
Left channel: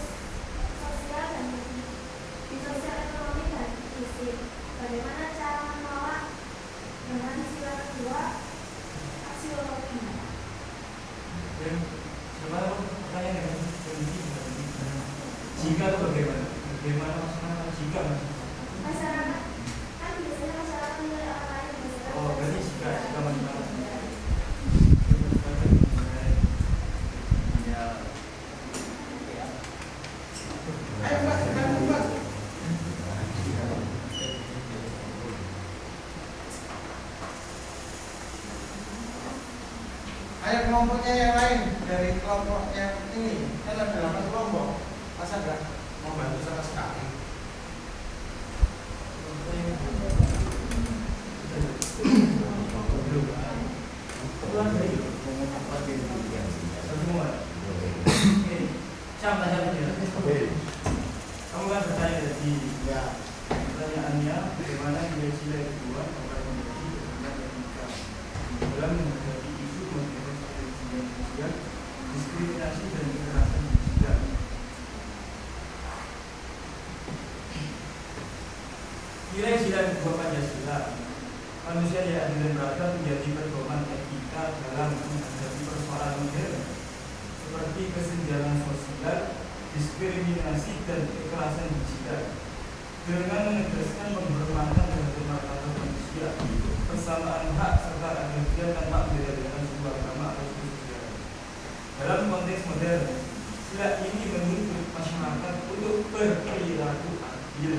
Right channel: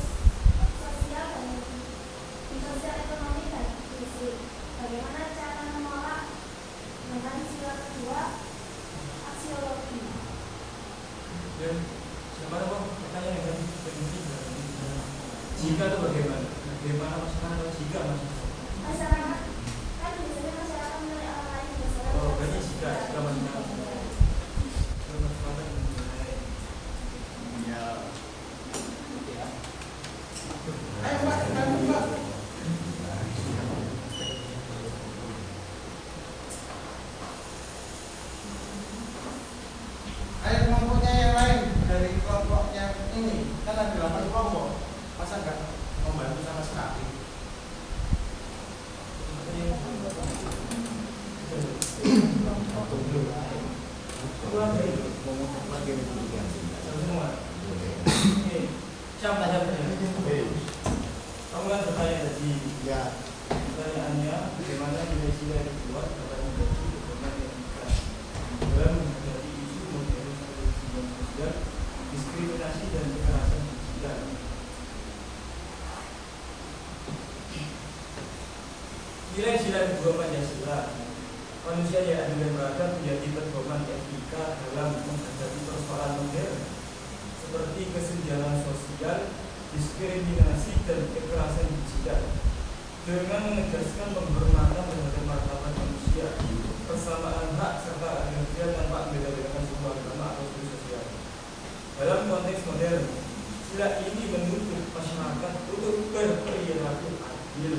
sosial dan di sosial ekonomi dan fisik? Bagaimana cara menolak dengan sila kedua aksiologi? Dan gimana kok pertanyaan dengan jika itu bagaimana? Bagaimana maksudnya jika? Masyarakat Ayo kelompoknya yang lain dari kelompok yang ini kan ada 8 kelompok, masa nggak membantu sama sekali? Oke. Kamu kan bertanya tadi, pertanyaannya bagaimana nilai sila yang kedua dapat menjadi dokumen yang nikah dalam menghadapi isu modern kesenjangan sosial, diskriminasi dan kekerasan digital. Nilai sila kedua Pancasila, manusia yang adil dan beradab menjadi pedoman etika dalam menghadapi persoalan modern seperti kesenjangan sosial, diskriminasi dan kekerasan digital, dengan menegaskan penghormatan terhadap martabat manusia, persamaan hak serta agraria tanpa membeda-bedakan sebuah agama atau suku sosial. Dalam konteks modern, sila ini menuntut masyarakat untuk berperilaku adil,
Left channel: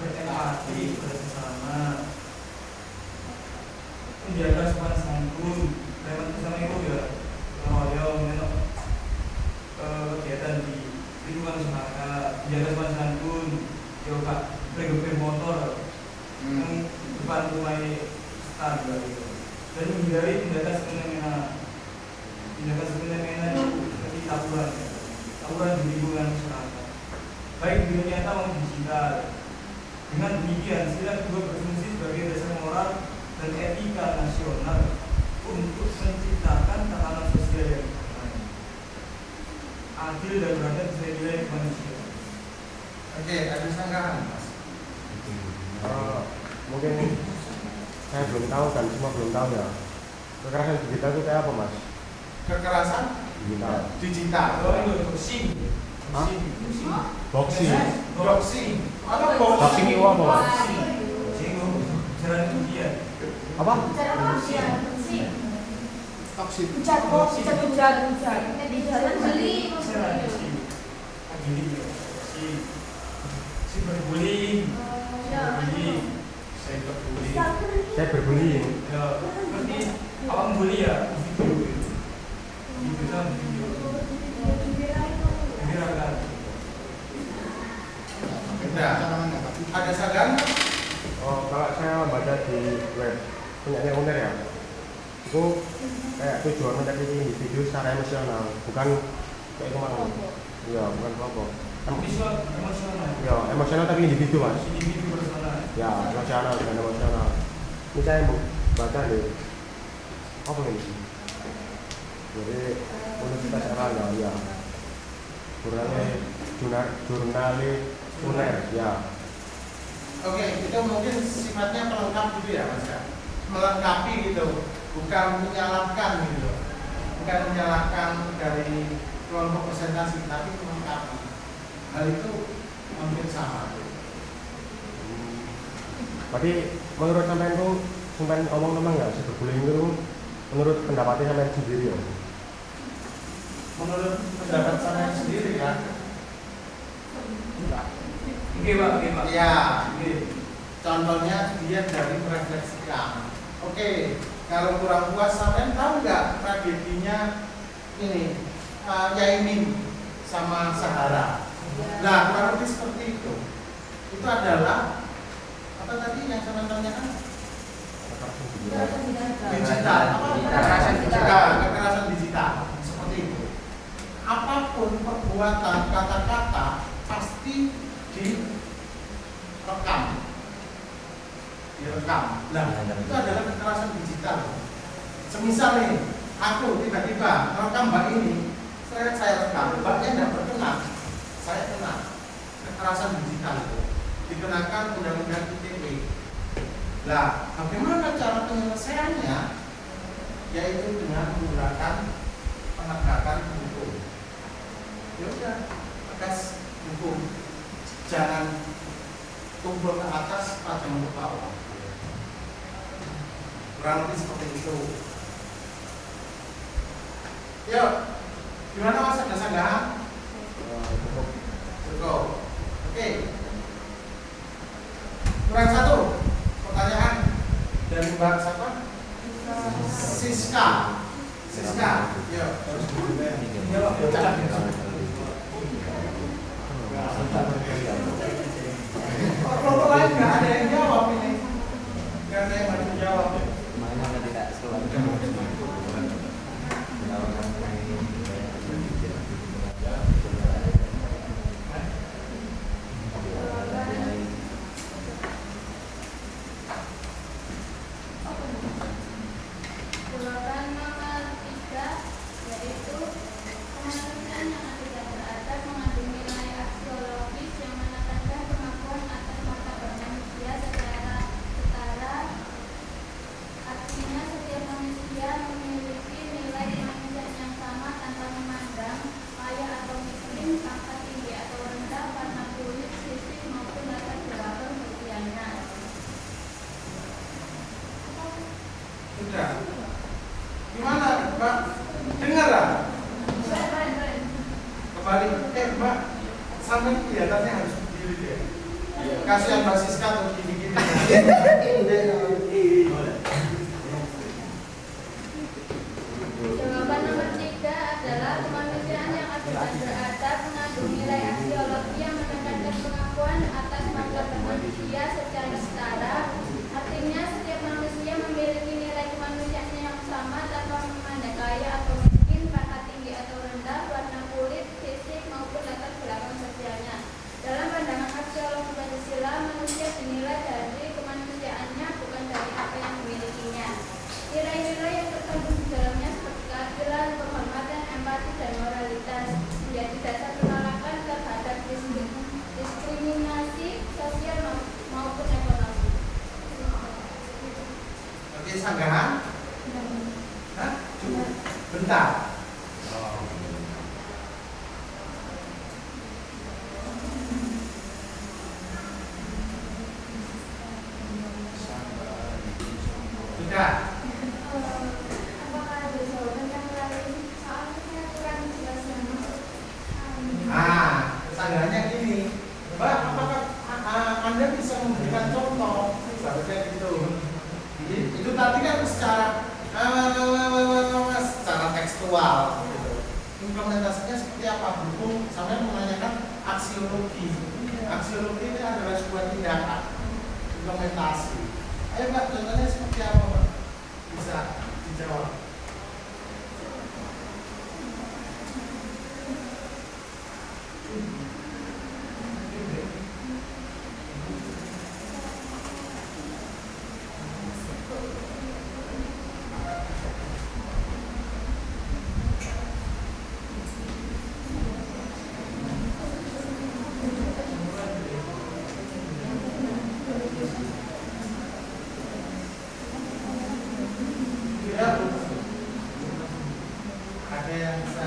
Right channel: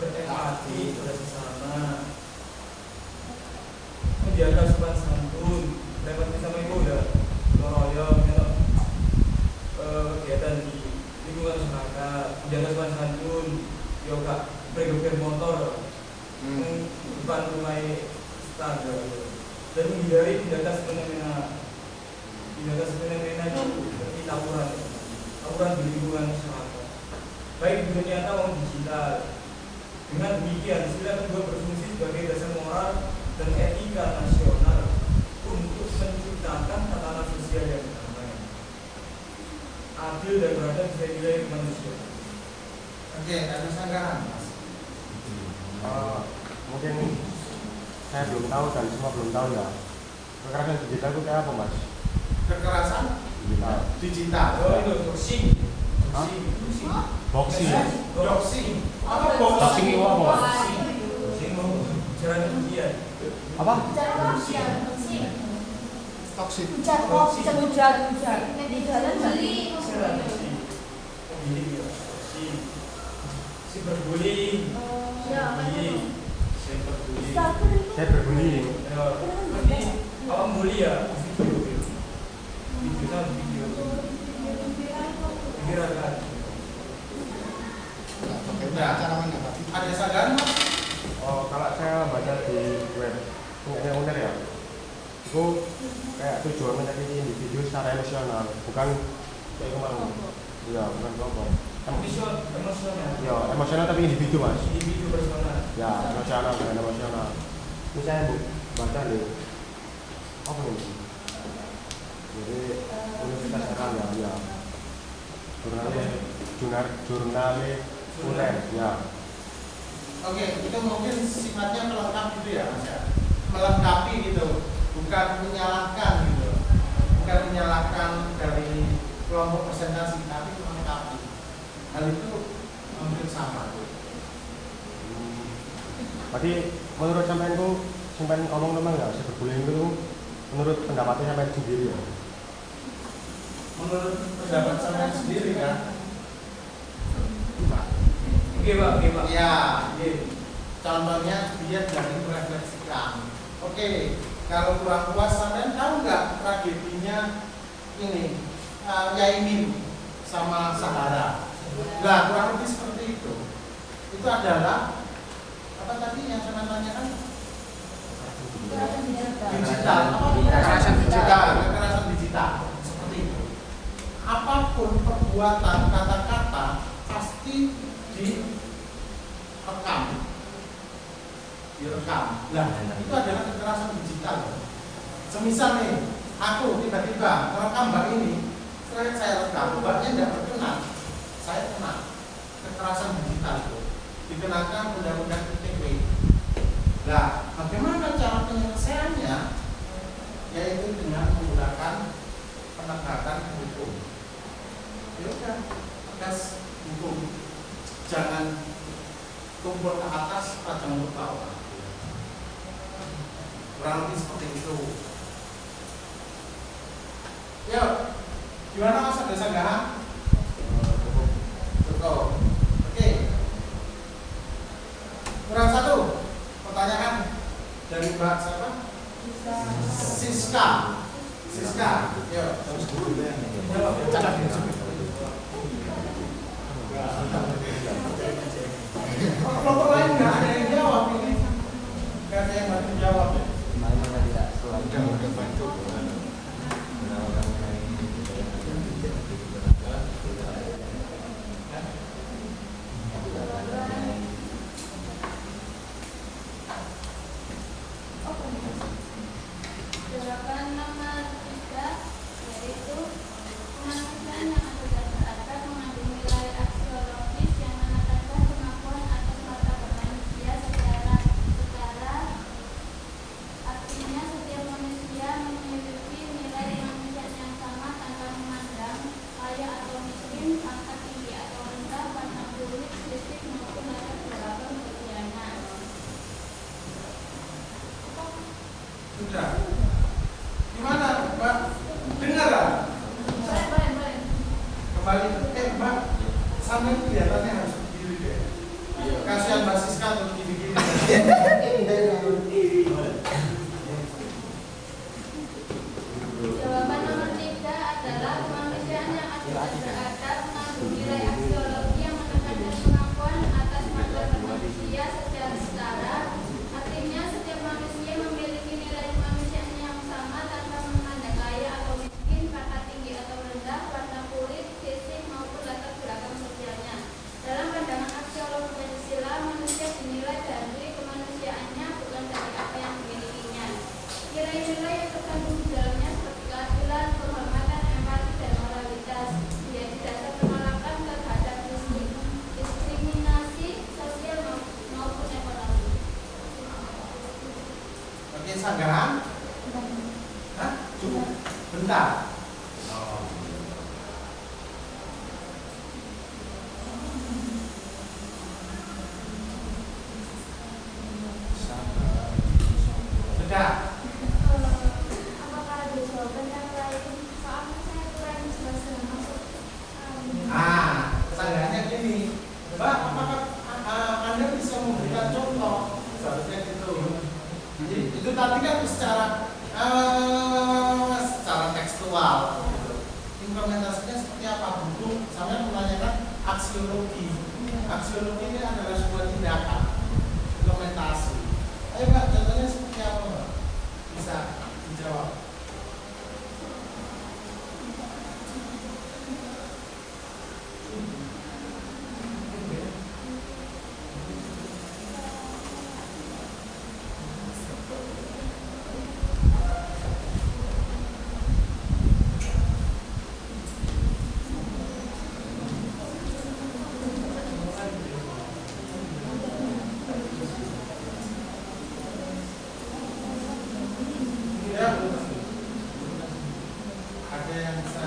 berempati bersama, menjaga sopan santun, berempati sama itu ya, meroyong, kegiatan di lingkungan masyarakat, menjaga sopan santun, yoga, bergeber motor, depan rumah standar, dan menghindari tindakan semena-mena seperti tawuran di lingkungan masyarakat, baik di dunia nyata maupun digital. Dengan demikian, sila kedua berfungsi sebagai dasar moral dan etika nasional untuk menciptakan tatanan sosial yang damai, adil dan beradab sesuai nilai kemanusiaan. Oke, ada sanggahan Mas? Mungkin saya belum tahu dan semua belum tahu ya. Kekerasan digital itu kayak apa, Mas? Kekerasan Digital. digital. Oh, itu boxing. Hah? Boxing. Boxing. Boxing. Apa boxing? Boxing itu apa, Mas? Boxing. Cara kemudian. Apa? Boxing. Jalan beli Cara boxing. Ini dia. Boxing. Cyberbullying. Cyberbullying. Cyberbullying. Saya berbullying. Berarti apa bully ya? Video kan video. Gerakan. Udah. Ada sanggahan Mas? Kalau saya baca di web punya uner ya, itu kayak tujuannya tadi individu secara emosional, bukan kayak kemarin. Iya, bukan kelompok. Emosional. Ya, emosional tapi individu, Mas. Individu personal. Ya, emosional dan emosional. Ini saya baca nih. Apa ini? Jadi Universitas Erlangga, ya. Jurnale uner, ya. Oke, itu mungkin sifatnya pelengkap gitu ya Mas ya? Melengkapi gitu, bukan menyalahkan gitu, bukan menyalahkan dari kelompok presentasi, tapi melengkapi. Hal itu mungkin sama. Berarti menurut sampean itu sampean ngomong memang nggak cyberbullying itu menurut pendapatnya sampean sendiri ya? Menurut pendapat saya sendiri kan? Oke Pak. Ya, contohnya dia dari merefleksikan. Oke, kalau kurang puas sampean tahu nggak tragedinya ini Yaimin sama Sahara? Nah, kurang lebih seperti itu. Itu adalah apa tadi yang saya tanyakan? Digital, kekerasan digital, seperti itu. Apapun perbuatan, kata-kata pasti direkam. Nah, itu adalah kekerasan digital. Semisal nih, aku tiba-tiba merekam Mbak ini, saya rekam, Mbaknya tidak berkenan, saya kena kekerasan digital, dikenakan undang-undang ITE. Nah, bagaimana cara penyelesaiannya? Yaitu dengan menggunakan penegakan hukum. Ya udah, tegas hukum. Jangan tumpul ke atas, pajang ke bawah. Kurang lebih seperti itu. Yuk, gimana Mas, ada sanggahan? Cukup. Oke. Kurang satu. Pertanyaan dari Mbak siapa? Siska. Siska, yuk. Kelompok lain nggak ada yang jawab ini. Nggak ada yang bantu jawab ya. Mana tidak keluarga. Jawaban nomor 3 yaitu kemanusiaan yang adil dan beradab mengandung nilai aksiologis yang menekankan pengakuan atas martabat manusia secara setara. Artinya setiap manusia memiliki nilai kemanusiaan yang sama tanpa memandang kaya atau miskin, pangkat tinggi atau rendah, warna kulit, fisik maupun latar belakang sosialnya. Sudah. Gimana, Mbak? Dengar lah. Kembali, Mbak, sampai kelihatannya harus berdiri deh. Kasihan Mbak Siska untuk gini-gini. Jawaban nomor 3 adalah kemanusiaan yang adil dan beradab mengandung nilai aksiologi yang menekankan pengakuan atas martabat manusia secara setara. Artinya setiap manusia memiliki nilai kemanusiaan yang sama tanpa memandang kaya atau miskin, pangkat tinggi atau rendah, warna kulit, fisik maupun latar belakang sosialnya. Dalam pandangan aksiologi Pancasila, manusia dinilai dari kemanusiaannya bukan dari apa yang dimilikinya. Nilai-nilai yang terkandung di dalamnya seperti keadilan, penghormatan, empati, dan moralitas menjadi dasar penolakan terhadap diskriminasi sosial maupun ekonomi. Oke, sanggahan? Hah? Bentar. Sudah. Apakah ada jawaban yang lain? Soalnya saya tidak sudah masuk. Kesanggahannya gini, Mbak, apakah Anda bisa memberikan contoh? Seharusnya gitu. Itu tadi kan secara tekstual, gitu. Implementasinya seperti apa? Berhubung saya menanyakan aksiologi. Aksiologi ini adalah sebuah tindakan implementasi. Ayo Mbak, contohnya seperti apa Mbak? Bisa dijawab. Ada yang bisa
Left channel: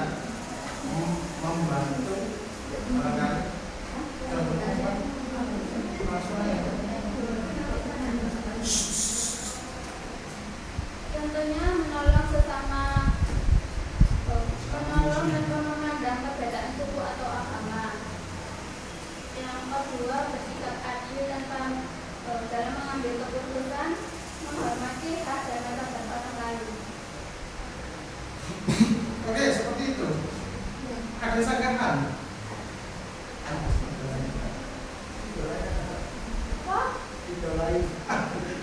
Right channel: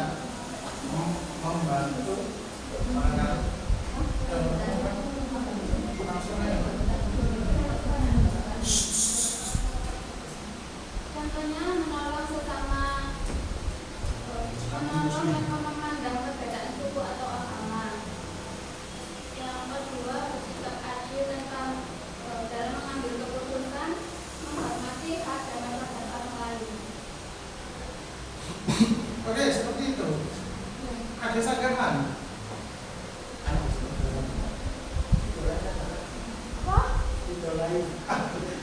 membantu barangkali? Langsung aja. Contohnya menolong sesama, menolong tanpa memandang perbedaan suku atau agama. Yang kedua, bersikap adil tanpa dalam mengambil keputusan, menghormati hak dan martabat orang lain. Oke, seperti itu. Ada sanggahan.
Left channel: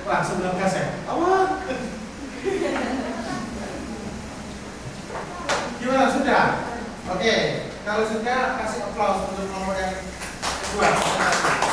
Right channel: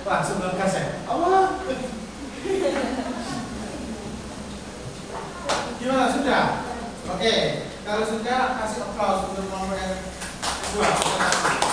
Wah, sebelum kasih. Awal. Gimana, sudah? Oke, kalau sudah kasih aplaus untuk nomor yang kedua.